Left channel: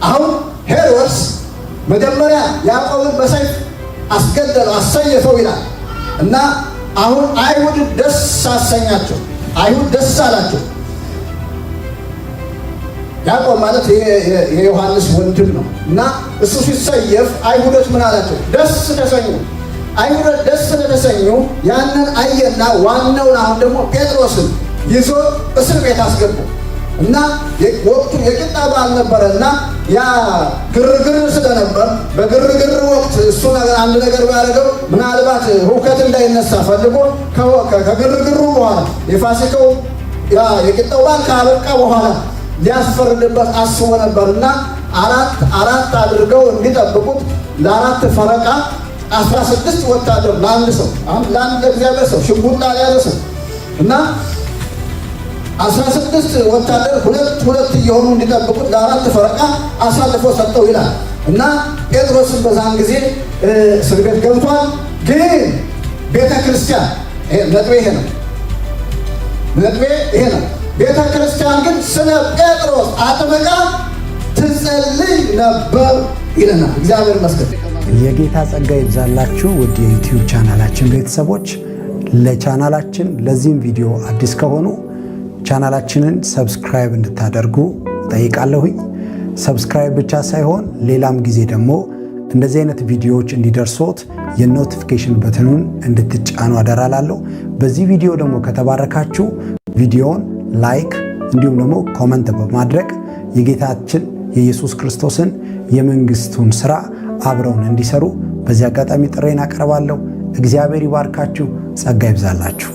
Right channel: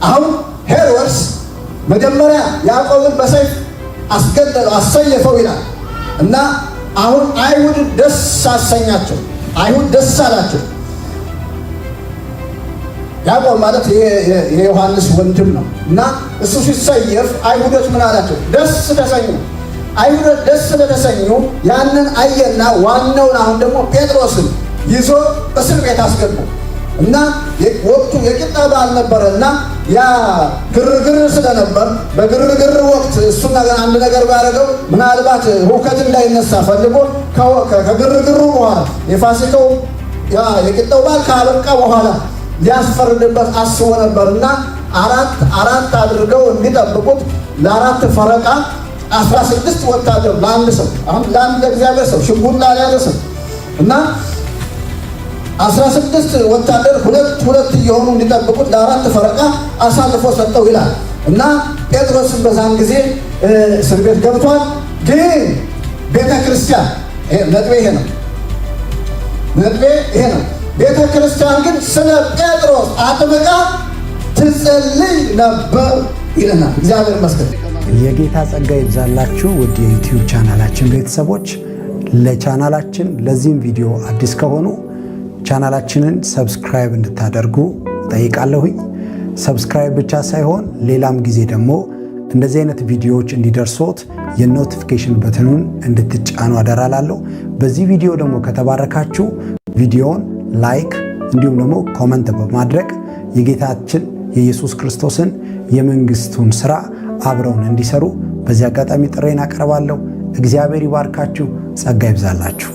አሁን ሄሮድስ መጀመሪያ ያዕቆብን በሰይፍ አስገደለው፣ አሰየፈው ይላል እና አሁን አይሁድ ደስ አሰኛቸው። አይሁድ ደስ አላቸው። ያዕቆብ ማለት የዮሐንስ ወንድም ነው እና እሱ ሲሰየፍ አይሁዶች ምን አላቸው? ደስ ተሰኙ። አይሁዶች ደስ ስለተሰኙ ያንን አየና ዋናውን አሁን ደግሞ ጴጥሮስን ይዞ እስር ቤት አስገቡ እና ወቅቱ የቂጣ በዓል ነበረና ያ ግርግር ስለነበር በግርግር ወቅት እሱ ነገር አንድ ነገር ባደረገው ምናልባት ሁከት እንዳይነሳ ፈልጎ ከግርግሩ በኋላ የፋሲካው የቂጣው በዓል ካበቃ በኋላ ሊያስፈርድበት አስቦ ነበርና አራት አድርገው እንዲጠብቁት ለአራት ፈረቃ 16 ወታደር ለአንድ ሰው ለአንድ እግዚአብሔር ሰው ሽጉጥ ላልያዘ ሰው እና 16 ወታደር ሁለት እየሆኑ እንዲጠብቁት ለአራት ፈረቃ አሳልፎ ሰጠው ይላል እና ጴጥሮስን በዛን ጊዜ እስር ቤት ገብቷል። ግን ቤተ ክርስቲያን ነጥቤ ይሄ ነው። ቤተ ክርስቲያን ግን ስለ ጴጥሮስ አጥብቃ ትጸልይ ነበር ይለናል። እግዚአብሔር ይመስገን። የጌታ ጸጋ ይብዛላችሁ ውድ የዩቲዩብ ቻናላችን ቤተሰቦች። ለቻናላችን ለዚህም ቪዲዮ አዲስ ከሆኑ ቻናላችንን ሰብስክራይብ እንድታደርጉ ጠይቃለሁኝ። ሰብስክራይብ ብቻ ሳይሆን ሌላም ጊዜ ደግሞ እንደዚህ አይነት ቪዲዮዎች እንዲደርሶት የኖቲፊኬሽን በትኑን እንድትጫኑ አደራላለሁ። በዚህ ቪዲዮ ደግሞ ከተባረካችሁ ቪዲዮውን ላይክ እንዲሁም ደግሞ ኮመንት በማድረግ የጌታችን የኢየሱስ ክርስቶስን የመንግስቱን ሥራ አብረውን እንዲሰሩ በዚህ አጋጣሚ ጥሬን አቀርባለሁ። እግዚአብሔር ይባርካችሁ፣ ጸጋ ይብዛላችሁ።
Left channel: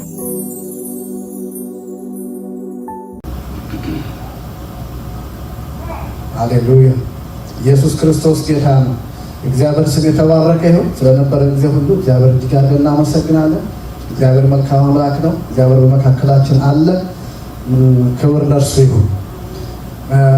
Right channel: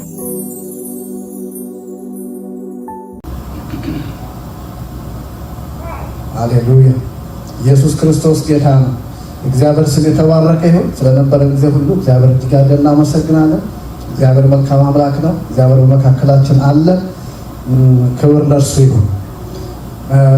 ሃሌሉያ! ኢየሱስ ክርስቶስ ጌታ ነው። እግዚአብሔር ስም የተባረከ ይሁን። ስለነበረ ጊዜ ሁሉ እግዚአብሔር እጅግ አድርገን እናመሰግናለን። እግዚአብሔር መልካም አምላክ ነው። እግዚአብሔር በመካከላችን አለ። ክብር ለእርሱ ይሁን።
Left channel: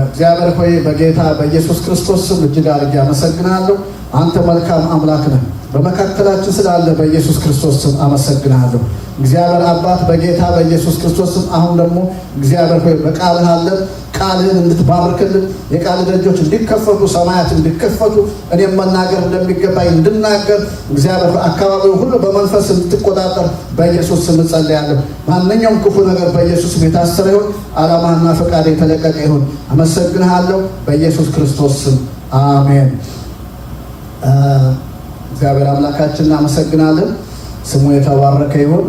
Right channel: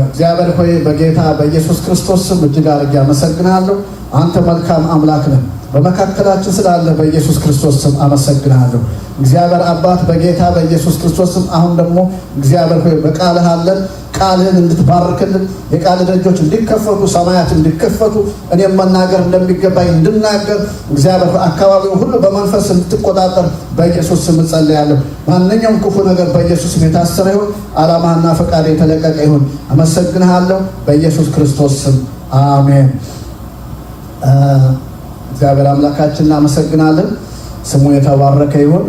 እግዚአብሔር ሆይ በጌታ በኢየሱስ ክርስቶስ ስም እጅግ አድርጌ አመሰግናለሁ። አንተ መልካም አምላክ ነህ። በመካከላችን ስላለ በኢየሱስ ክርስቶስ ስም አመሰግናለሁ። እግዚአብሔር አባት በጌታ በኢየሱስ ክርስቶስ ስም አሁን ደግሞ እግዚአብሔር ሆይ በቃልህ አለን። ቃልህን እንድትባርክልን የቃል ደጆች እንዲከፈቱ ሰማያት እንዲከፈቱ እኔም መናገር እንደሚገባኝ እንድናገር እግዚአብሔር አካባቢው ሁሉ በመንፈስ እንድትቆጣጠር በኢየሱስ ስም ጸልያለሁ። ማንኛውም ክፉ ነገር በኢየሱስ ስም የታሰረ ይሁን። ዓላማና ፈቃድ የተለቀቀ ይሁን። አመሰግንሃለሁ በኢየሱስ ክርስቶስ ስም አሜን። እግዚአብሔር አምላካችን እናመሰግናለን። ስሙ የተባረከ ይሁን።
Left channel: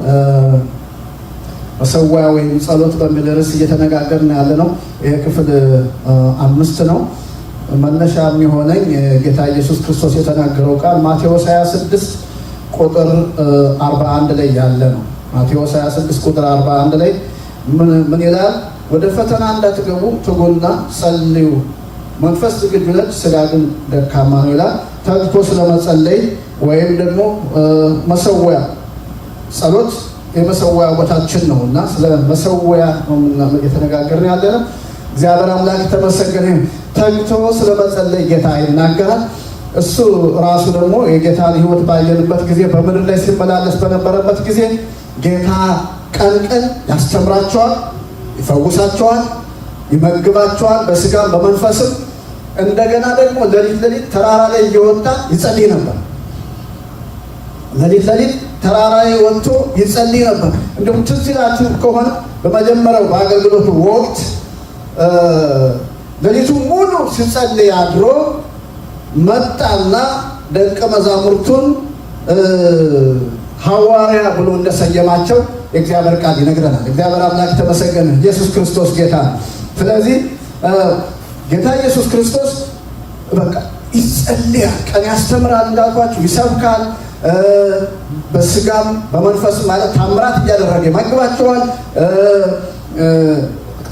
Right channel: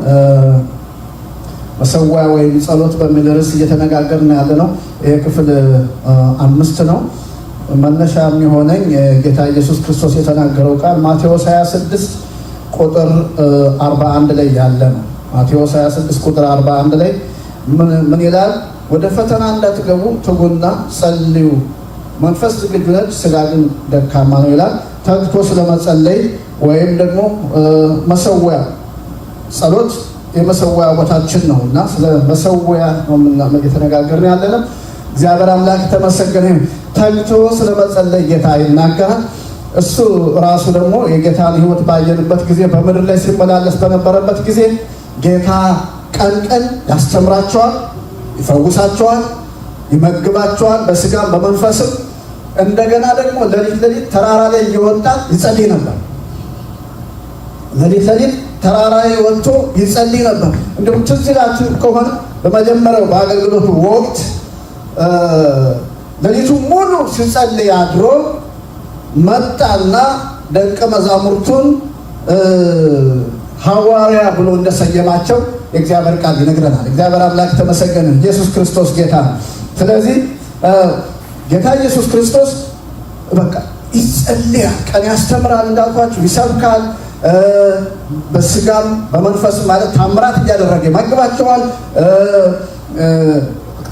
መሰዋያ ወይም ጸሎት በሚል ርዕስ እየተነጋገርን ያለ ነው። ይሄ ክፍል 5 ነው። መነሻ የሚሆነኝ ጌታ ኢየሱስ ክርስቶስ የተናገረው ቃል ማቴዎስ 26 ቁጥር 41 ላይ ያለ ነው። ማቴዎስ 26 ቁጥር 41 ላይ ምን ይላል? ወደ ፈተና እንዳትገቡ ትጉና ጸልዩ፣ መንፈስ ዝግጁ ነች፣ ሥጋ ግን ደካማ ነው ይላል። ተግቶ ስለመጸለይ ወይም ደግሞ መሰዋያ ጸሎት የመሰዋያ ቦታችን ነው እና ስለ መሰዋያ ነው እየተነጋገርን ያለነው። እግዚአብሔር አምላክ ተመሰገነ። ተግቶ ስለመጸለይ ጌታ ይናገራል። እሱ ራሱ ደግሞ የጌታን ሕይወት ባየንበት ጊዜ በምድር ላይ ሲመላለስ በነበረበት ጊዜ ጌታ ቀን ቀን ያስተምራቸዋል፣ ይፈውሳቸዋል፣ ይመግባቸዋል በስጋም በመንፈስም። እንደገና ደግሞ ሌሊት ተራራ ላይ እየወጣ ይጸልይ ነበር። ሌሊት ተራራ ላይ ወጥቶ ይጸልይ ነበር። እንደውም ትዝ ይላችሁ ከሆነ በመጀመሪያው በአገልግሎቱ ወቅት ሌሊቱ ሙሉ ሲጸልይ አድሮ መጣና ደቀ መዛሙርቱን ሐዋርያ ብሎ እንደሰየማቸው የእግዚአብሔር ቃል ይነግረናል። እግዚአብሔር አምላክ ተመሰገነ። ኢየሱስ ክርስቶስ ጌታ ነው። ስለዚህ ጌታ ኢየሱስ ክርስቶስ በቃ ይጸልያል፣ ቀን ያስተምራል፣ እንዳልኳችሁ ይሰብካል፣ በስጋም በመንፈስ ማለት ታምራት እያደረገ ይመግባቸዋል።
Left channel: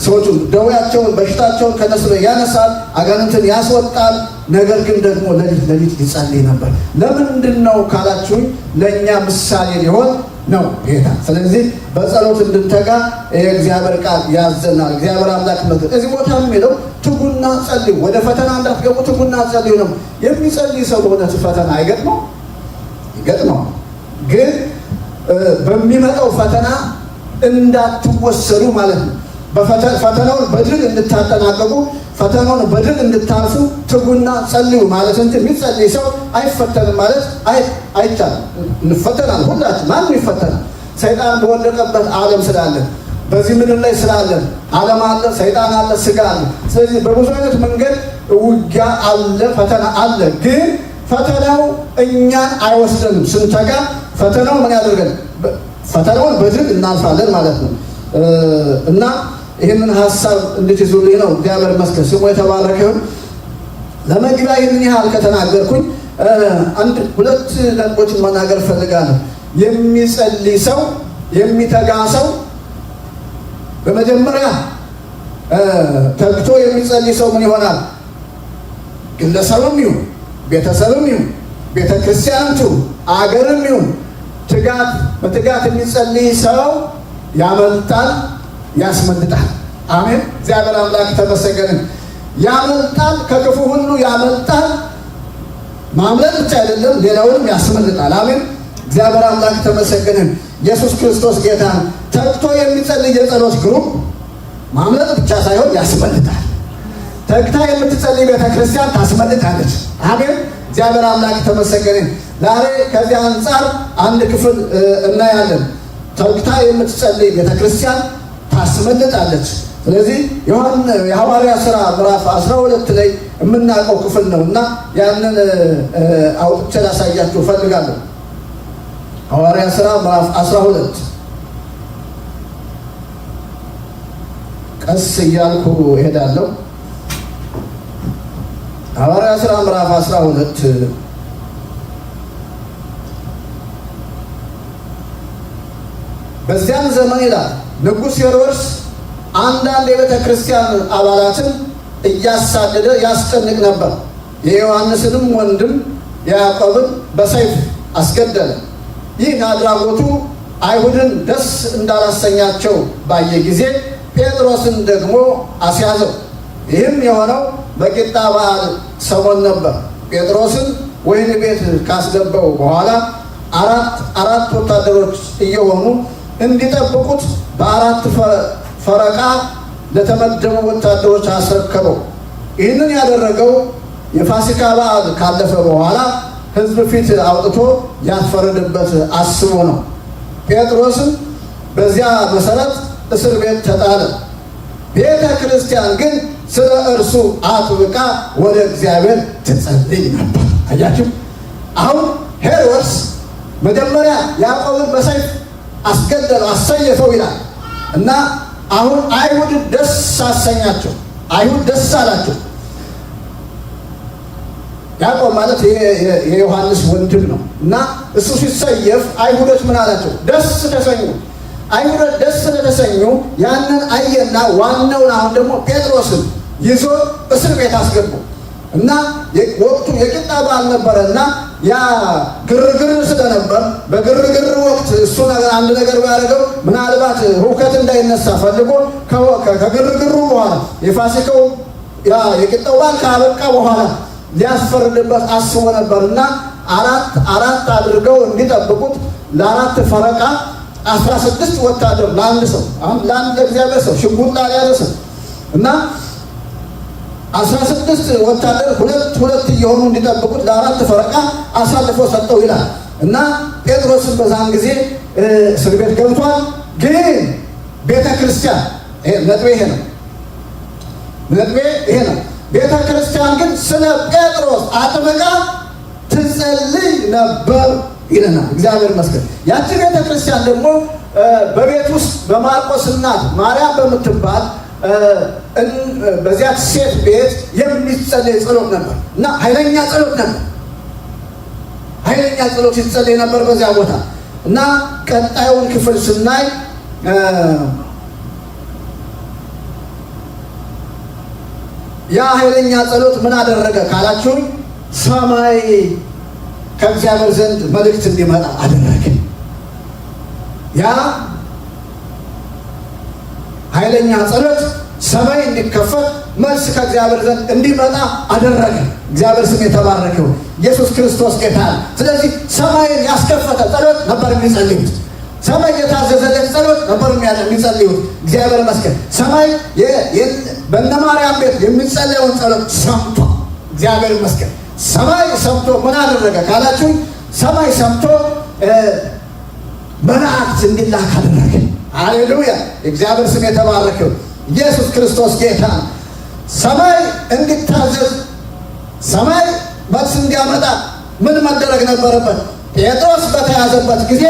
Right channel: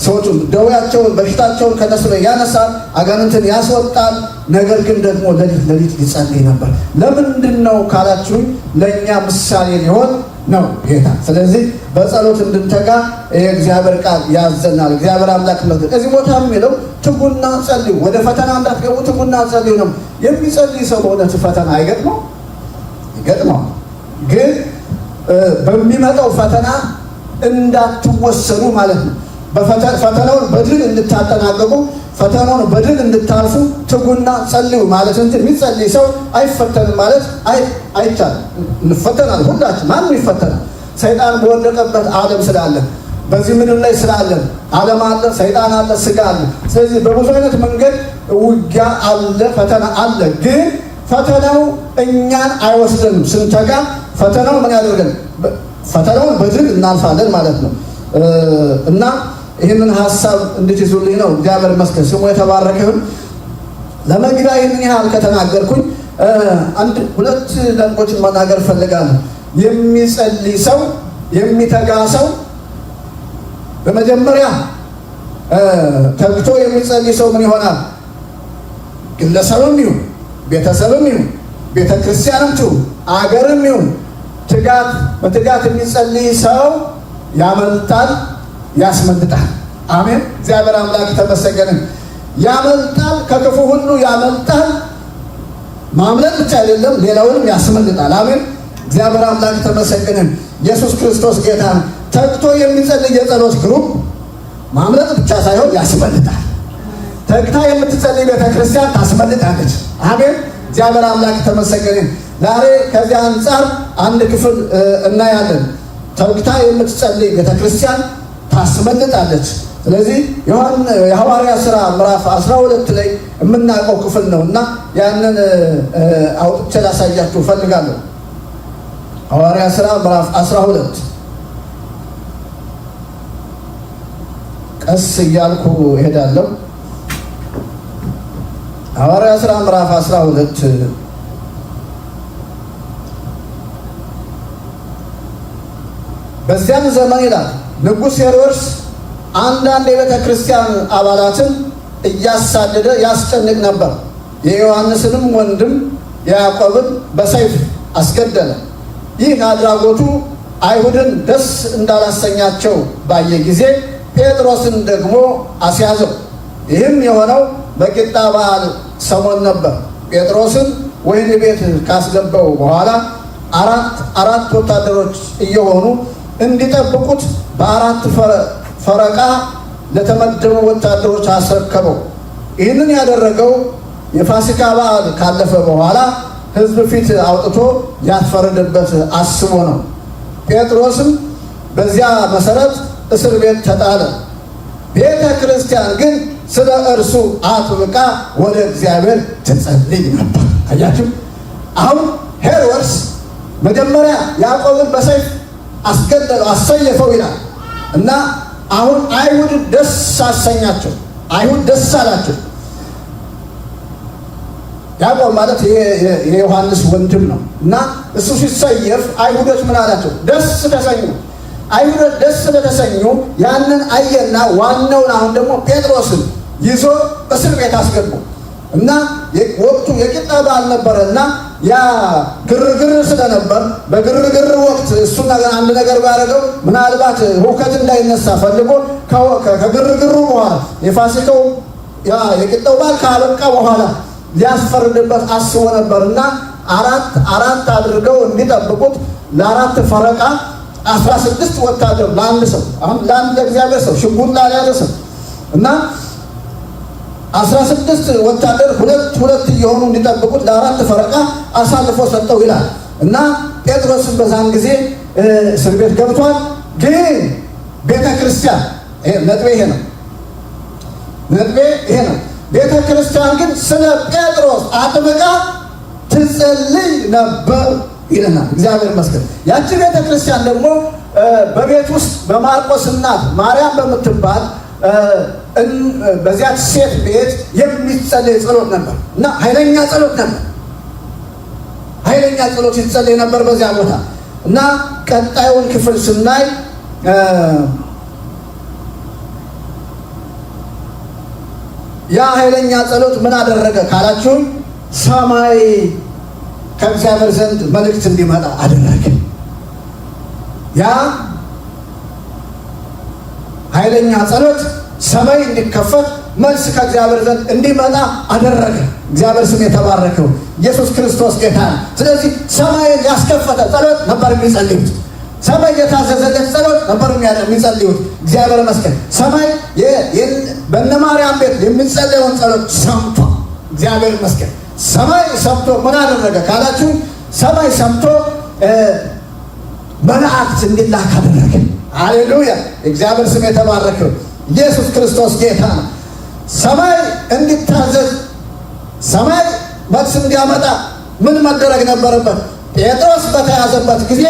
ሰዎቹን ደዌያቸውን በሽታቸውን ከነሱ ላይ ያነሳል፣ አጋንንትን ያስወጣል። ነገር ግን ደግሞ ሌሊት ይጸልይ ነበር። ለምንድን ነው ካላችሁኝ ለእኛ ምሳሌ ሊሆን ነው ጌታ። ስለዚህ በጸሎት እንድንተጋ የእግዚአብሔር ቃል ያዘናል። እግዚአብሔር አምላክ ነው። እዚህ ቦታ የሚለው ትጉና ጸልዩ፣ ወደ ፈተና እንዳትገቡ ትጉና ጸልዩ ነው። የሚጸልይ ሰው በእውነት ፈተና አይገጥመው ይገጥመው፣ ግን በሚመጣው ፈተና እንዳትወሰዱ ማለት ነው። ፈተናውን በድል እንድታጠናቀቁ ፈተናውን በድል እንድታልፉ ትጉና ጸልዩ ማለት እንጂ የሚጸልይ ሰው አይፈተንም ማለት አይቻልም። እንፈተናለን፣ ሁላችን ማንም ይፈተናል። ሰይጣን በወደቀበት ዓለም ስላለን በዚህ ምድር ላይ ስላለን ዓለም አለ፣ ሰይጣን አለ፣ ስጋ አለ። ስለዚህ በብዙ አይነት መንገድ ውጊያ አለ፣ ፈተና አለ። ግን ፈተናው እኛን አይወስደንም። ስንተጋ ፈተናው ምን ያደርገን? ፈተናውን በድል እናልፋለን ማለት ነው። እና ይህንን ሀሳብ እንድትይዙልኝ ነው። እግዚአብሔር ይመስገን፣ ስሙ የተባረከ ይሁን። ለመግቢያ ይህንን ያህል ከተናገርኩኝ አንድ ሁለት ነጥቦችን መናገር እፈልጋለሁ። የሚጸልይ ሰው የሚተጋ ሰው በመጀመሪያ ተግቶ የሚጸልይ ሰው ምን ይሆናል? ግለሰብም ይሁን ቤተሰብም ይሁን ቤተክርስቲያንም ይሁን አገርም ይሁን በትጋት የሚጸልይ ሰው ያመልጣል፣ ያስመልጣል። አሜን። እግዚአብሔር አምላክ ተመሰገነ። ያመልጣል፣ ከክፉ ሁሉ ያመልጣል። ማምለጥ ብቻ አይደለም፣ ሌላውንም ያስመልጣል። አሜን። እግዚአብሔር አምላክ ተመሰገነ። ኢየሱስ ክርስቶስ ጌታ ነው። ተግቶ የሚጸልይ የጸሎት ግሩፕ ማምለጥ ብቻ ሳይሆን ያስመልጣል። ተግታ የምትጸልይ ቤተክርስቲያን ታስመልጣለች። አሜን። እግዚአብሔር አምላክ ተመሰገነ። ዛሬ ከዚህ አንጻር አንድ ክፍል እናያለን። ተግታ የምትጸልይ ቤተክርስቲያን ታስመልጣለች። ስለዚህ የሐዋርያት ሥራ ምዕራፍ 12 ላይ የምናውቀው ክፍል ነው እና ያንን አውጥቼ ላሳያችሁ እፈልጋለሁ። ሐዋርያት ሥራ ምዕራፍ 12 ቀስ እያልኩ እሄዳለሁ። ሐዋርያት ሥራ ምዕራፍ 12 በዚያም ዘመን ይላል ንጉሥ ሄሮድስ አንዳንድ የቤተ ክርስቲያን አባላትን እያሳደደ ያስጨንቅ ነበር። የዮሐንስንም ወንድም ያዕቆብን በሰይፍ አስገደለ። ይህ አድራጎቱ አይሁድን ደስ እንዳላሰኛቸው ባየ ጊዜ ጴጥሮስን ደግሞ አስያዘው። ይህም የሆነው በቂጣ በዓል ሰሞን ነበር። ጴጥሮስን ወህኒ ቤት ካስገባው በኋላ አራት ወታደሮች እየሆኑ እንዲጠብቁት በአራት ፈረቃ ለተመደቡ ወታደሮች አስረከበው። ይህንን ያደረገው የፋሲካ በዓል ካለፈ በኋላ ሕዝብ ፊት አውጥቶ ያስፈርድበት አስቦ ነው። ጴጥሮስም በዚያ መሰረት እስር ቤት ተጣለ። ቤተ ክርስቲያን ግን ስለ እርሱ አጥብቃ ወደ እግዚአብሔር ትጸልይ ነበር። አያችሁ፣ አሁን ሄሮድስ መጀመሪያ ያዕቆብን በሰይፍ አስገደለው፣ አሰየፈው ይላል እና አሁን አይሁድ ደስ አሰኛቸው። አይሁድ ደስ አላቸው። ያዕቆብ ማለት የዮሐንስ ወንድም ነው እና እሱ ሲሰየፍ አይሁዶች ምን አላቸው? ደስ ተሰኙ። አይሁዶች ደስ ስለተሰኙ ያንን አየና ዋናውን አሁን ደግሞ ጴጥሮስን ይዞ እስር ቤት አስገቡ እና ወቅቱ የቂጣ በዓል ነበረና ያ ግርግር ስለነበር በግርግር ወቅት እሱ አንድ ነገር ባደረገው ምናልባት ሁከት እንዳይነሳ ፈልጎ ከግርግሩ በኋላ የፋሲካው የቂጣው በዓል ካበቃ በኋላ ሊያስፈርድበት አስቦ ነበርና አራት አድርገው እንዲጠብቁት ለአራት ፈረቃ 16 ወታደር ለአንድ ሰው፣ አሁን ለአንድ ለእግዚአብሔር ሰው ሽጉጥ ላልያዘ ሰው እና 16 ወታደር ሁለት እየሆኑ እንዲጠብቁት ለአራት ፈረቃ አሳልፎ ሰጠው ይላል እና ጴጥሮስን በዛን ጊዜ እስር ቤት ገብቷል። ግን ቤተ ክርስቲያን ነጥቤ ይሄ ነው። ቤተ ክርስቲያን ግን ስለ ጴጥሮስ አጥብቃ ትጸልይ ነበር ይለናል። እግዚአብሔር ይመስገን። ያቺ ቤተ ክርስቲያን ደግሞ በቤት ውስጥ በማርቆስ እናት ማርያም በምትባል በዚያች ሴት ቤት የሚጸለይ ጸሎት ነበር እና ኃይለኛ ጸሎት ይጸለይ ነበር በዚያ ቦታ እና ቀጣዩን ክፍል ስናይ ያ ኃይለኛ ጸሎት ምን አደረገ ካላችሁም ሰማይ ከእግዚአብሔር ዘንድ መልእክት እንዲመጣ አደረገ። ያ ኃይለኛ ጸሎት ሰማይ እንዲከፈት መልስ ከእግዚአብሔር ዘንድ እንዲመጣ አደረገ። እግዚአብሔር ስም የተባረከው ኢየሱስ ክርስቶስ ጌታ ነው። ስለዚህ ሰማይን ያስከፈተ ጸሎት ነበር የሚጸልዩት። ሰማይ የታዘዘለት ጸሎት ነበር የሚጸልዩት። እግዚአብሔር ይመስገን ሰማይ በእነ ማርያም ቤት የሚጸለየውን ጸሎት ሰምቶ እግዚአብሔር ይመስገን ሰማይ ሰምቶ ምን አደረገ ካላችሁ ሰማይ ሰምቶ መላእክት እንዲላክ አደረገ። ሃሌሉያ! እግዚአብሔር ስም የተባረከ። ኢየሱስ ክርስቶስ ጌታ ነው። ሰማይ እንዲታዘዝ ሰማይ መልስ እንዲያመጣ ምን መደረግ ነበረበት? ጴጥሮስ በተያዘበት ጊዜ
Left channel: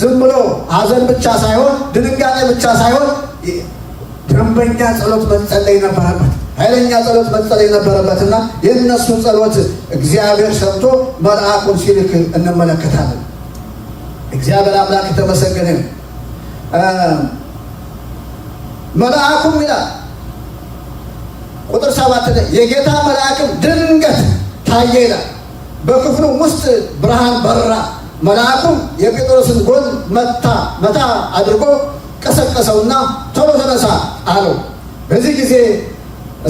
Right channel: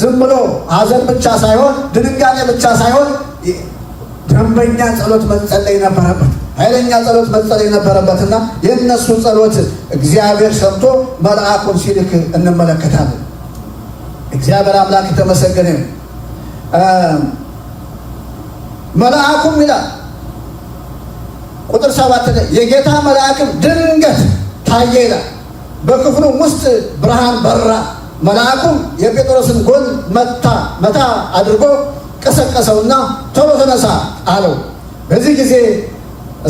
ዝም ብሎ ሐዘን ብቻ ሳይሆን ድንጋጤ ብቻ ሳይሆን ደንበኛ ጸሎት መጸለይ ነበረበት። ኃይለኛ ጸሎት መጸለይ ነበረበትና የእነሱ ጸሎት እግዚአብሔር ሰምቶ መልአኩን ሲልክ እንመለከታለን። እግዚአብሔር አምላክ የተመሰገነ ነው። መልአኩም ይላል ቁጥር 7 ላይ የጌታ መልአክም ድንገት ታየ ይላል። በክፍሉ ውስጥ ብርሃን በራ። መልአኩም የጴጥሮስን ጎን መታ አድርጎ ቀሰቀሰውና ቶሎ ተነሳ አለው። በዚህ ጊዜ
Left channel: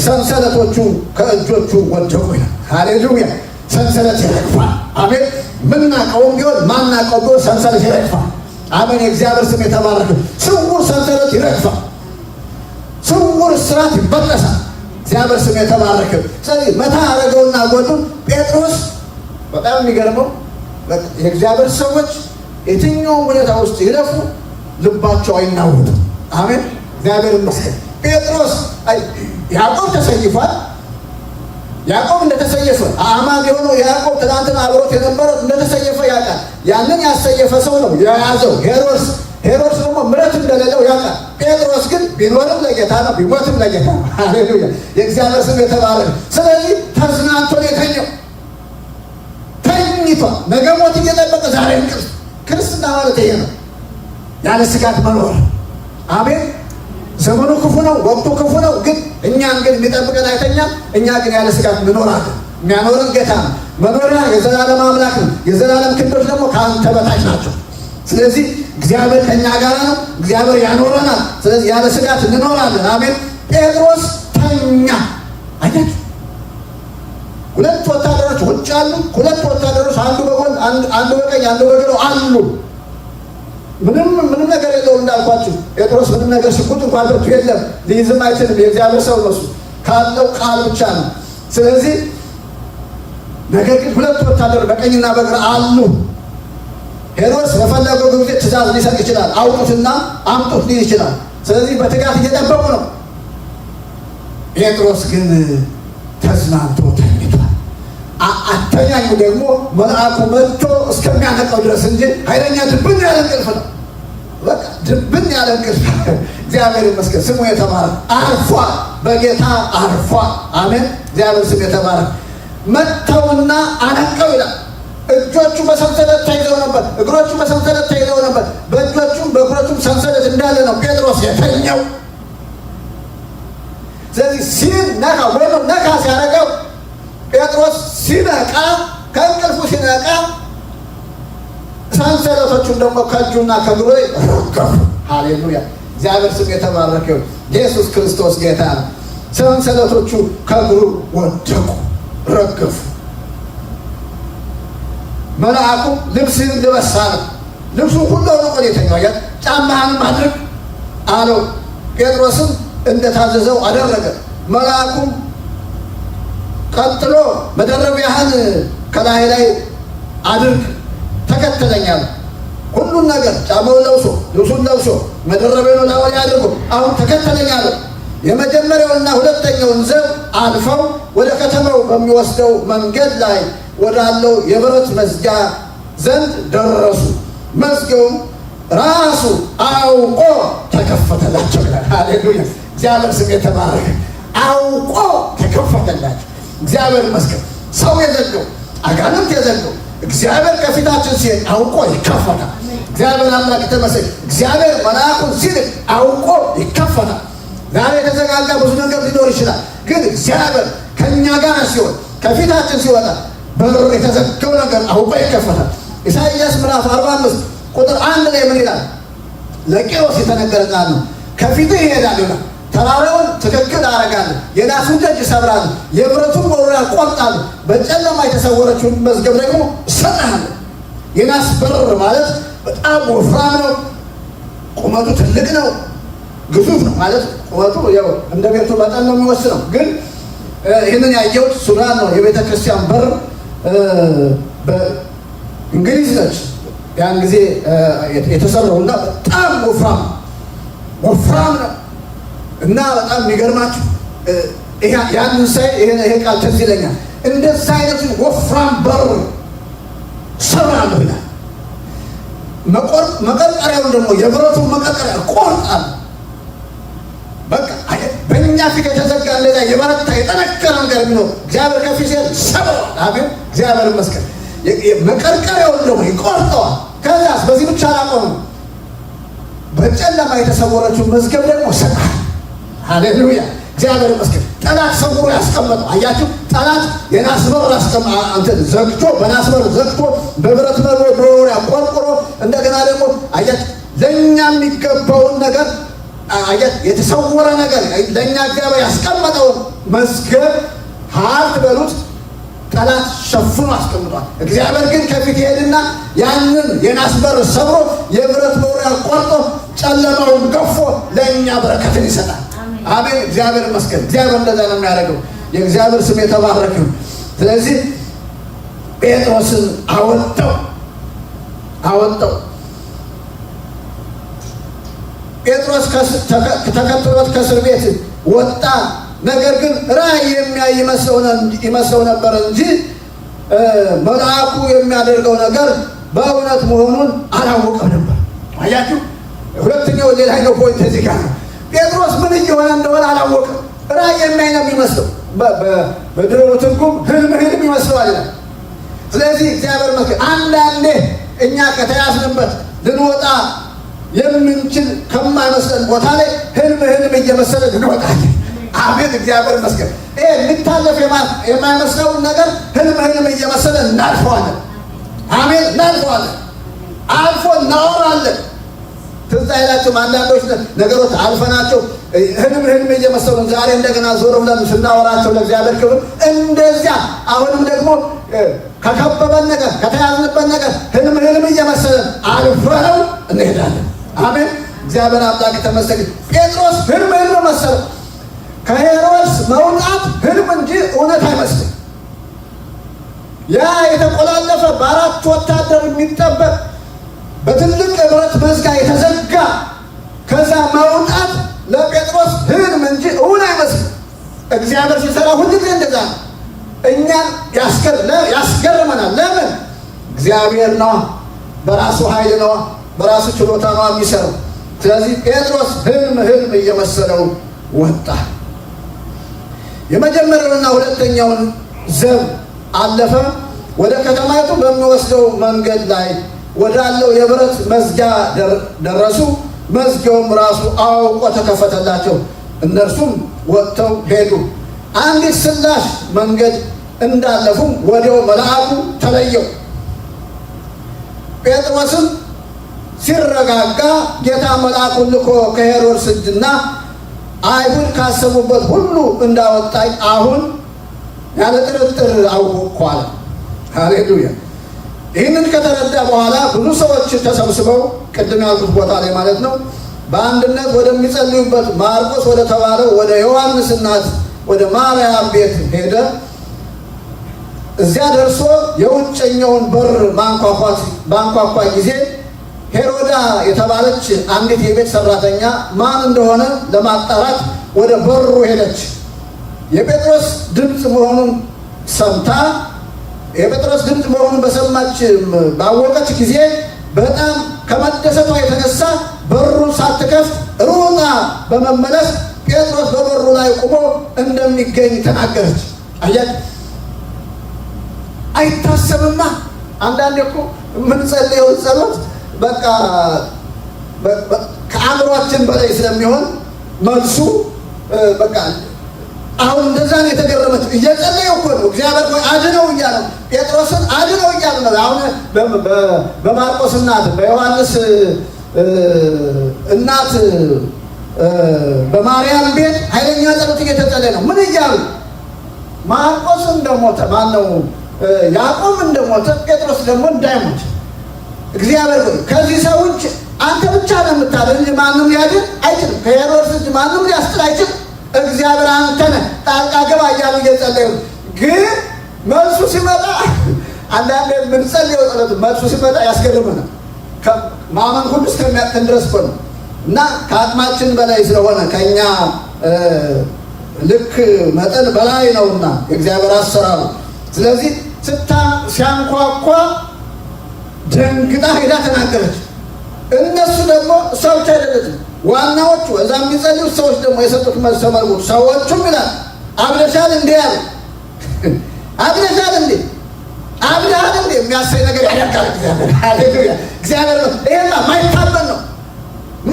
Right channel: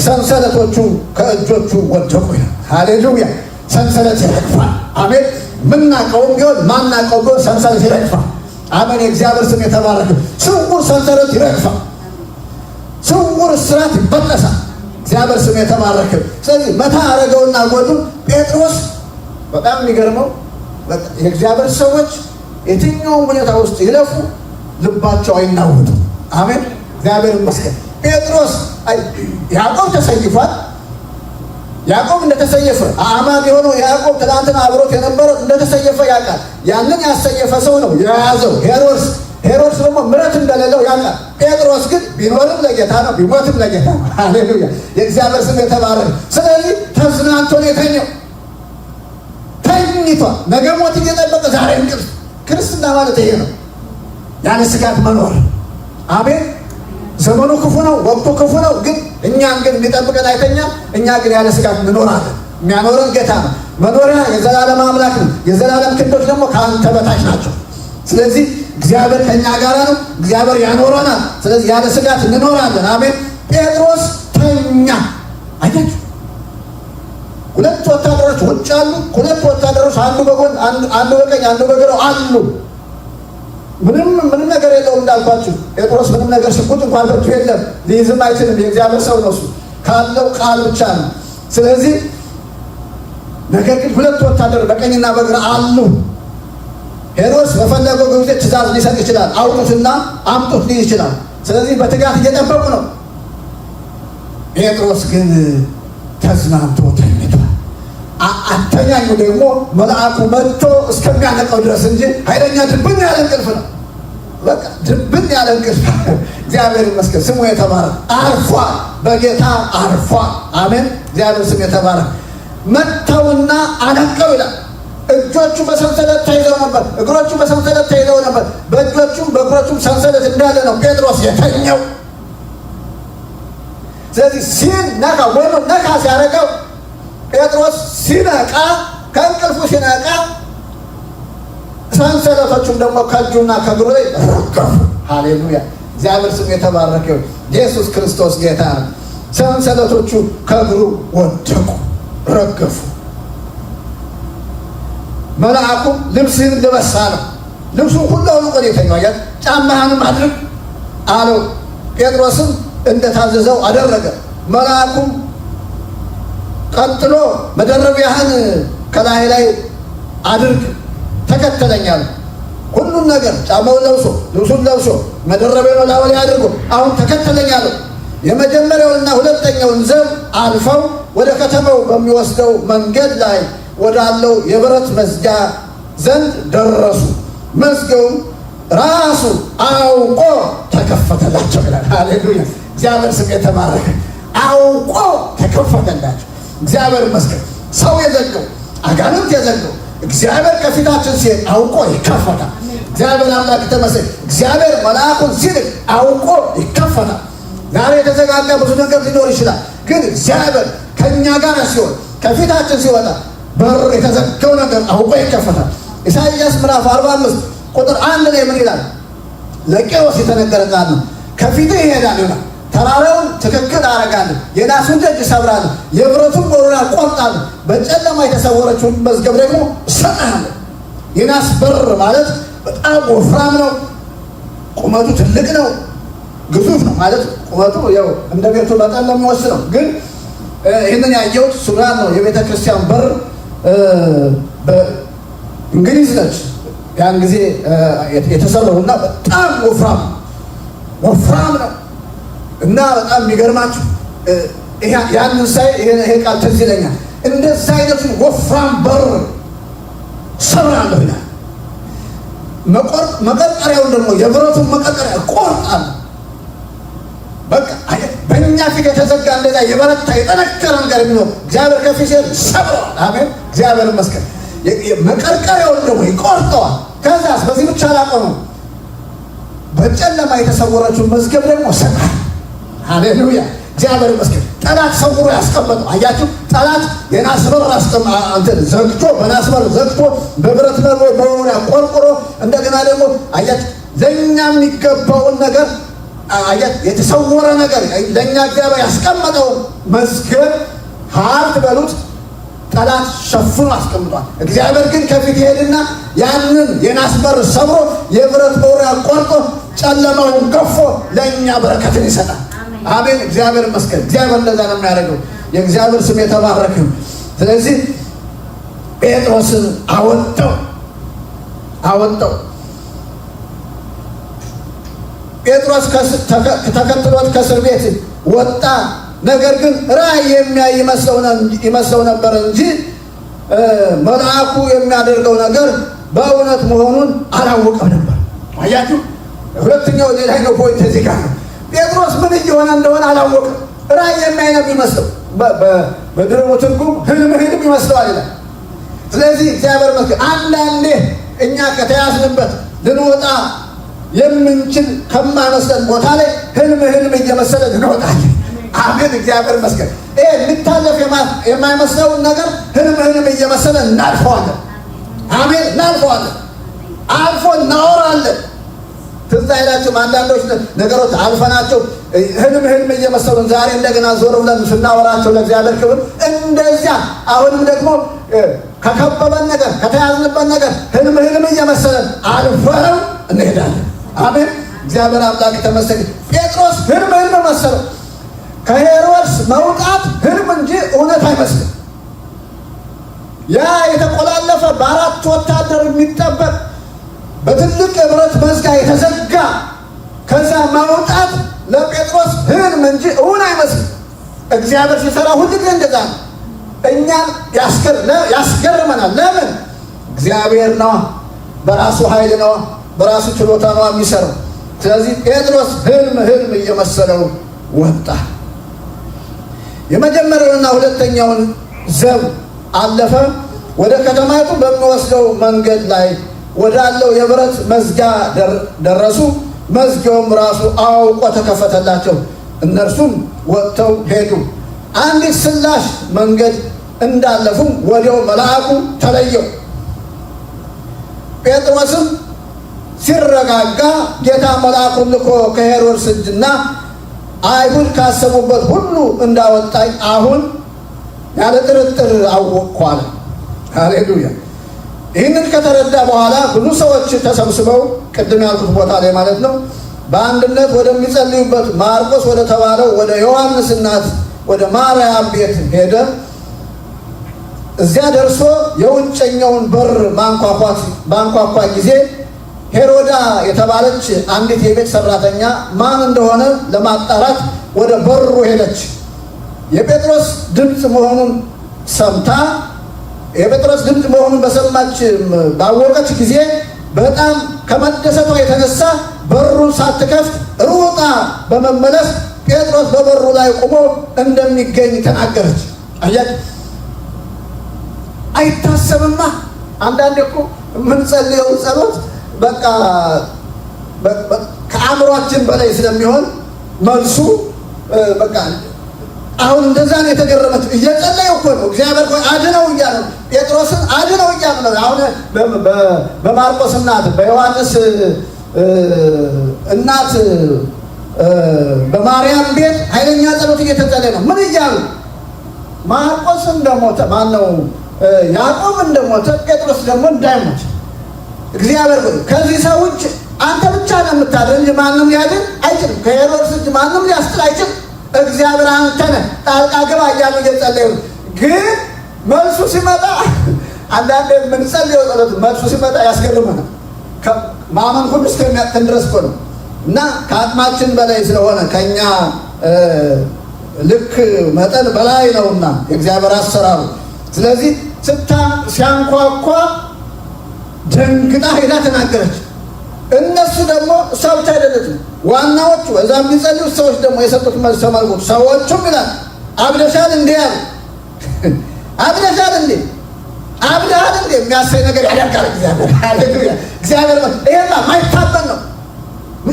ሰንሰለቶቹ ከእጆቹ ወደቁ ይላል። ሃሌሉያ! ሰንሰለት ይረግፋል። አሜን። ምናቀውም ቢሆን ማናቀው ቢሆን ሰንሰለት ይረግፋል። አሜን። የእግዚአብሔር ስም የተባረከ። ስውር ሰንሰለት ይረግፋል። ስውር እስራት ይበጠሳል። እግዚአብሔር ስም የተባረከ። ስለዚህ መታ አደረገውና ጎኑን ጴጥሮስ በጣም የሚገርመው የእግዚአብሔር ሰዎች የትኛውም ሁኔታ ውስጥ ይለፉ ልባቸው አይናወጥም። አሜን። እግዚአብሔር ይመስገን። ጴጥሮስ ያዕቆብ ተሰይፏል። ያዕቆብ እንደተሰየፈ አማን የሆነው ያዕቆብ ትናንትና አብሮት የነበረው እንደተሰየፈ ያውቃል። ያንን ያሰየፈ ሰው ነው የያዘው ሄሮድስ ደግሞ ምሕረት እንደሌለው ያውቃል። ጴጥሮስ ግን ቢኖርም ለጌታ ነው፣ ቢሞትም ለጌታ ነው። ሃሌሉያ! የእግዚአብሔር ስም የተባረከ። ስለዚህ ተዝናንቶ ነው የተኛው። ተኝቷል። ነገ ሞት እየጠበቀ ዛሬ እንቅልፍ። ክርስትና ማለት ይሄ ነው፣ ያለ ስጋት መኖር። አሜን። ዘመኑ ክፉ ነው፣ ወቅቱ ክፉ ነው። ግን እኛን ግን የሚጠብቀን አይተኛም። እኛ ግን ያለ ስጋት እንኖራለን። የሚያኖረን ጌታ ነው። መኖሪያ የዘላለም አምላክ ነው። የዘላለም ክንዶች ደግሞ ከአንተ በታች ናቸው። ስለዚህ እግዚአብሔር ከእኛ ጋር ነው። እግዚአብሔር ያኖረናል። ስለዚህ ያለ ስጋት እንኖራለን። አሜን። ጴጥሮስ ተኛ። አያችሁ፣ ሁለት ወታደሮች ውጭ አሉ። ሁለት ወታደሮች አንዱ በጎን አንዱ በቀኝ አንዱ በግራ አሉ። ምንም ነገር የለውም እንዳልኳችሁ። ጴጥሮስ ምንም ነገር ሽጉጥ እንኳን ብርቱ የለም፣ ሊይዝም አይችልም። የእግዚአብሔር ሰው ነው። ካለው ቃል ብቻ ነው። ስለዚህ ነገር ግን ሁለት ወታደሮች በቀኝና በግራ አሉ። ሄሮድስ በፈለገው ጊዜ ትእዛዝ ሊሰጥ ይችላል። አውጡትና አምጡት ሊል ይችላል። ስለዚህ በትጋት እየጠበቁ ነው። ጴጥሮስ ግን ተዝናንቶ ተኝቷል። አተኛኙ ደግሞ መልአኩ መጥቶ እስከሚያነቀው ድረስ እንጂ ኃይለኛ ድብን ያለ እንቅልፍ ነው። በቃ ድብን ያለ እንቅልፍ። እግዚአብሔር ይመስገን፣ ስሙ የተባረከ። አርፏል፣ በጌታ አርፏል። አሜን። እግዚአብሔር ስም የተባረከ። መጥተውና አነቀው ይላል። እጆቹ በሰንሰለት ተይዘው ነበር፣ እግሮቹ በሰንሰለት ተይዘው ነበር። በእጆቹም በእግሮቹም ሰንሰለት እንዳለ ነው ጴጥሮስ የተኛው። ስለዚህ ሲነቃ ወይም ነቃ ሲያደርገው ጴጥሮስ ሲነቃ ከእንቅልፉ ሲነቃ ሰንሰለቶቹም ደግሞ ከእጁና ከእግሩ ላይ ረገፉ። ሃሌሉያ! እግዚአብሔር ስም የተባረከው። ኢየሱስ ክርስቶስ ጌታ ነው። ሰንሰለቶቹ ከእግሩ ወደቁ፣ ረገፉ። መልአኩ ልብስህን ልበስ አለው። ልብሱን ሁሉ አውልቆ የተኛው ጫማህንም አድርግ አለው። ጴጥሮስም እንደታዘዘው አደረገ። መልአኩም ቀጥሎ መደረቢያህን ከላይ ላይ አድርግ ተከተለኛል። ሁሉን ነገር ጫማውን ለብሶ ልብሱን ለብሶ መደረቢያውን ላዩ ላይ አድርጎ አሁን ተከተለኛል። የመጀመሪያውንና ሁለተኛውን ዘብ አልፈው ወደ ከተማው በሚወስደው መንገድ ላይ ወዳለው የብረት መዝጊያ ዘንድ ደረሱ። መዝጊያውም ራሱ አውቆ ተከፈተላቸው ይላል። ሃሌሉያ! እግዚአብሔር ስም የተባረከ። አውቆ ተከፈተላቸው። እግዚአብሔር ይመስገን። ሰው የዘጋው አጋንንት የዘጋው እግዚአብሔር ከፊታችን ሲሄድ አውቆ ይከፈታል። እግዚአብሔር አምላክ ተመስገን። እግዚአብሔር መልአኩን ሲልክ አውቆ ይከፈታል። ዛሬ የተዘጋጋ ብዙ ነገር ሊኖር ይችላል። ግን እግዚአብሔር ከእኛ ጋር ሲሆን ከፊታችን ሲወጣ በሩ የተዘጋው ነገር አውቆ ይከፈታል። ኢሳይያስ ምዕራፍ 45 ቁጥር 1 ላይ ምን ይላል? ለቂሮስ የተነገረ ቃል ነው። ከፊትህ ይሄዳል ይላል። ተራራውን ትክክል አደርጋለሁ፣ የናሱን ደጅ እሰብራለሁ፣ የብረቱን ቁርራ እቆርጣለሁ፣ በጨለማ የተሰወረችውን መዝገብ ደግሞ እሰጥሃለሁ። የናስ በር ማለት በጣም ወፍራም ነው። ቁመቱ ትልቅ ነው፣ ግዙፍ ነው ማለት ቁመቱ ያው እንደ ቤቱ መጠን ነው የሚወስነው። ግን ይህንን ያየሁት ሱዳን ነው። የቤተ ክርስቲያን በር በእንግሊዝ ነች ያን ጊዜ የተሰራው እና በጣም ወፍራም ነው እና በጣም የሚገርማችሁ ያንን ሳይ ይሄ ቃል ትዝ ይለኛል። እንደዛ አይነቱን ወፍራም በር ሰብራለሁ ይላል። መቀርቀሪያውን ደግሞ የብረቱን መቀርቀሪያ ቆርጣለሁ። በቃ በእኛ ፊት የተዘጋ እንደዛ የበረታ የጠነከረ ነገር የሚኖር እግዚአብሔር ከፊት ሰብረዋል። አሜን፣ እግዚአብሔር ይመስገን። መቀርቀሪያውን ደግሞ ይቆርጠዋል። ከዛስ በዚህ ብቻ አላቆመም። በጨለማ የተሰወረችውን መዝገብ ደግሞ ሰጣል። ሃሌሉያ፣ እግዚአብሔር ይመስገን። ጠላት ሰውሮ ያስቀመጠው አያችሁ። ጠላት የናስ በር ዘግቶ በናስ በር ዘግቶ በብረት በሆነ ቆርቆሮ እንደገና ደግሞ አያችሁ ለእኛ የሚገባውን ነገር አያችሁ የተሰወረ ነገር ለእኛ እግዚአብሔር ያስቀመጠውን መዝገብ ሀብት በሉት ጠላት ሸፍኖ አስቀምጧል። እግዚአብሔር ግን ከፊት ይሄድና ያንን የናስ በር ሰብሮ የብረት መውሪያ ቆርጦ ጨለማውን ገፎ ለእኛ በረከትን ይሰጣል። አሜን፣ እግዚአብሔር ይመስገን። እግዚአብሔር እንደዛ ነው የሚያደርገው። የእግዚአብሔር ስም የተባረከ ነው። ስለዚህ ጴጥሮስን አወጣው። ጴጥሮስ ተከትሎት ከእስር ቤት ወጣ። ነገር ግን ራእይ የሚያይ ይመስለው ነበር እንጂ መልአኩ የሚያደርገው ነገር በእውነት መሆኑን አላወቀም ነበር። አያችሁ፣ ሁለተኛው ላይ ነው ፖይንት እዚህ ጋር ነው። ጴጥሮስ ምን እየሆነ እንደሆነ አላወቅም። ራእይ የሚያይ ነው የሚመስለው። በድሮ ትርጉም ህልም ይመስለዋል ይላል። ስለዚህ እግዚአብሔር ይመስገን አንዳንዴ እኛ ከተያዝንበት ልንወጣ የምንችል ከማይመስለን ቦታ ላይ ህልም እየመሰለ እንወጣለን። አሜን፣ እግዚአብሔር ይመስገን። ይሄ ልታለፍ የማይመስለውን ነገር ህልም እየመሰለ እናልፈዋለን። አሜን፣ እናልፈዋለን። አልፎ እናወራለን። ትዝ አይላችሁም? አንዳንዶች ነገሮች አልፈናቸው ህልም እየመሰሉን ዛሬ እንደገና ዞር ብለን ስናወራቸው ለእግዚአብሔር ክብር እንደዚያ አሁንም ደግሞ ከከበበን ነገር ከተያዝንበት ነገር ህልም እየመሰለን አልፈነው እንሄዳለን። አሜን፣ እግዚአብሔር አምላክ የተመሰገነ። ጴጥሮስ ህልም መሰለ። ከሄሮድስ መውጣት ህልም እንጂ እውነት አይመስልም። ያ የተቆላለፈ በአራት ወታደር የሚጠበቅ በትልቅ የብረት መዝጋ የተዘጋ ከዛ መውጣት ለጴጥሮስ ህልም እንጂ እውን አይመስልም። እግዚአብሔር ሲሰራ ሁልጊዜ እንደዛ ነው። እኛን ያስገርመናል። ለምን? እግዚአብሔር ነዋ፣ በራሱ ኃይል ነዋ፣ በራሱ ችሎታ ነዋ የሚሰራው። ስለዚህ ጴጥሮስ ህልም እየመሰለው ወጣ። የመጀመሪያውና ሁለተኛውን ዘብ አለፈ። ወደ ከተማይቱ በሚወስደው መንገድ ላይ ወዳለው የብረት መዝጊያ ደረሱ። መዝጊያውም ራሱ አውቆ ተከፈተላቸው። እነርሱም ወጥተው ሄዱ። አንዲት ስላሽ መንገድ እንዳለፉም ወዲያው መልአኩ ተለየው። ጴጥሮስም ሲረጋጋ ጌታ መልአኩን ልኮ ከሄሮድስ እጅና አይሁድ ካሰቡበት ሁሉ እንዳወጣኝ አሁን ያለ ጥርጥር አወቅኩ አለ። ሃሌሉያ። ይህንን ከተረዳ በኋላ ብዙ ሰዎች ተሰብስበው ቅድም ያልኩት ቦታ ላይ ማለት ነው በአንድነት ወደሚጸልዩበት ማርቆስ ወደ ተባለው ወደ ዮሐንስ እናት ወደ ማርያም ቤት ሄደ። እዚያ ደርሶ የውጨኛውን በር ባንኳኳ ጊዜ ሄሮዳ የተባለች አንዲት የቤት ሰራተኛ ማን እንደሆነ ለማጣራት ወደ በሩ ሄደች። የጴጥሮስ ድምፅ መሆኑን በሰማች ባወቀች ጊዜ በጣም ከመደሰቷ የተነሳ በሩን ሳትከፍት ሩጣ በመመለስ ጴጥሮስ በበሩ ላይ ቆሞ እንደሚገኝ ተናገረች። አይታሰብማ። አንዳንዴ እኮ የምንጸልየውን ጸሎት በቃ ከአእምሯችን በላይ ስለሚሆን መልሱ በቃ አሁን እንደዛ ነው የተገረመችው። እየጸለዩ እኮ ነው እግዚአብሔር ሆይ አድነው እያለ ጴጥሮስን አድነው እያለ ነው። አሁን በማርቆስ እናት በዮሐንስ እናት በማርያም ቤት ኃይለኛ ጸሎት እየተጸለየ ነው። ምን እያሉ ማርቆስ እንደሞተ ማነው ያዕቆብ እንደሞተ ጴጥሮስ ደግሞ እንዳይሞት እግዚአብሔር ሆይ ከዚህ ሰው እጅ አንተ ብቻ ነው የምታድን እንጂ ማንም ሊያድን አይችልም። ከሄሮድስ እጅ ማንም ሊያስጥል አይችልም። እግዚአብሔር አንተ ነህ፣ ጣልቃ ገባ እያሉ እየጸለዩ ግን መልሱ ሲመጣ አንዳንዴ የምንጸልየው ጸሎት መልሱ ሲመጣ ያስገርመናል። ማመን ሁሉ እስከሚያቅተን ድረስ እኮ ነው እና ከአቅማችን በላይ ስለሆነ ከእኛ ልክ መጠን በላይ ነውና የእግዚአብሔር አሰራሩ። ስለዚህ ሲያንኳኳ ደንግጣ ሄዳ ተናገረች። እነሱ ደግሞ ሰዎች አይደሉም ዋናዎቹ፣ እዛም ቢጸልዩት ሰዎች ደግሞ የሰጡት መልስ ተመልኩት። ሰዎቹም ይላል አብደሻል እንዴ ያሉ አብደሻል እንዴ አብደሃል እንዴ የሚያሳይ ነገር ያደርጋል እግዚአብሔር። ሃሌሉያ! እግዚአብሔር ይሄማ ማይታመን ነው፣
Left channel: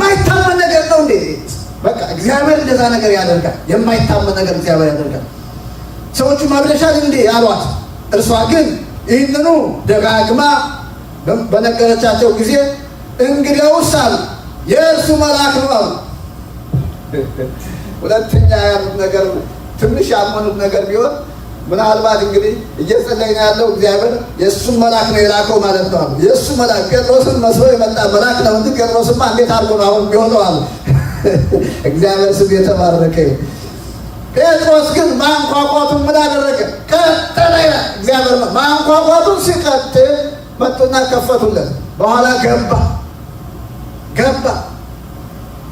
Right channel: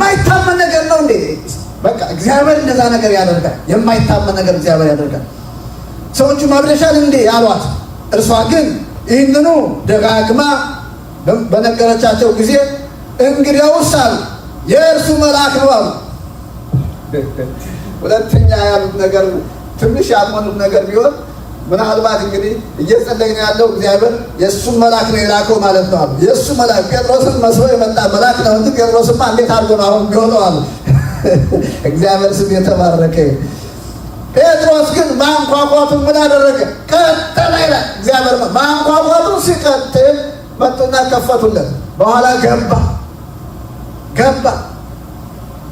ማይታመን ነገር ነው እንዴ! በቃ እግዚአብሔር እንደዛ ነገር ያደርጋል። የማይታመን ነገር እግዚአብሔር ያደርጋል። ሰዎቹም አብደሻል እንዴ አሏት። እርሷ ግን ይህንኑ ደጋግማ በነገረቻቸው ጊዜ እንግዲያውስ አሉ የእርሱ መልአክ ነው አሉ። ሁለተኛ ያሉት ነገር ትንሽ ያልሆኑት ነገር ቢሆን ምናልባት እንግዲህ እየጸለይን ያለው እግዚአብሔር የእሱን መልአክ ነው የላከው ማለት ነው አሉ። የእሱ መልአክ ጴጥሮስን መስሎ የመጣ መልአክ ነው እንጂ ጴጥሮስማ እንዴት አድርጎ ነው አሁን ቢሆነው አሉ። እግዚአብሔር ስም የተባረከ። ጴጥሮስ ግን ማንኳኳቱን ምን አደረገ? ቀጠለ ይላል እግዚአብሔር። ማንኳኳቱን ሲቀጥል መጡና ከፈቱለት። በኋላ ገባ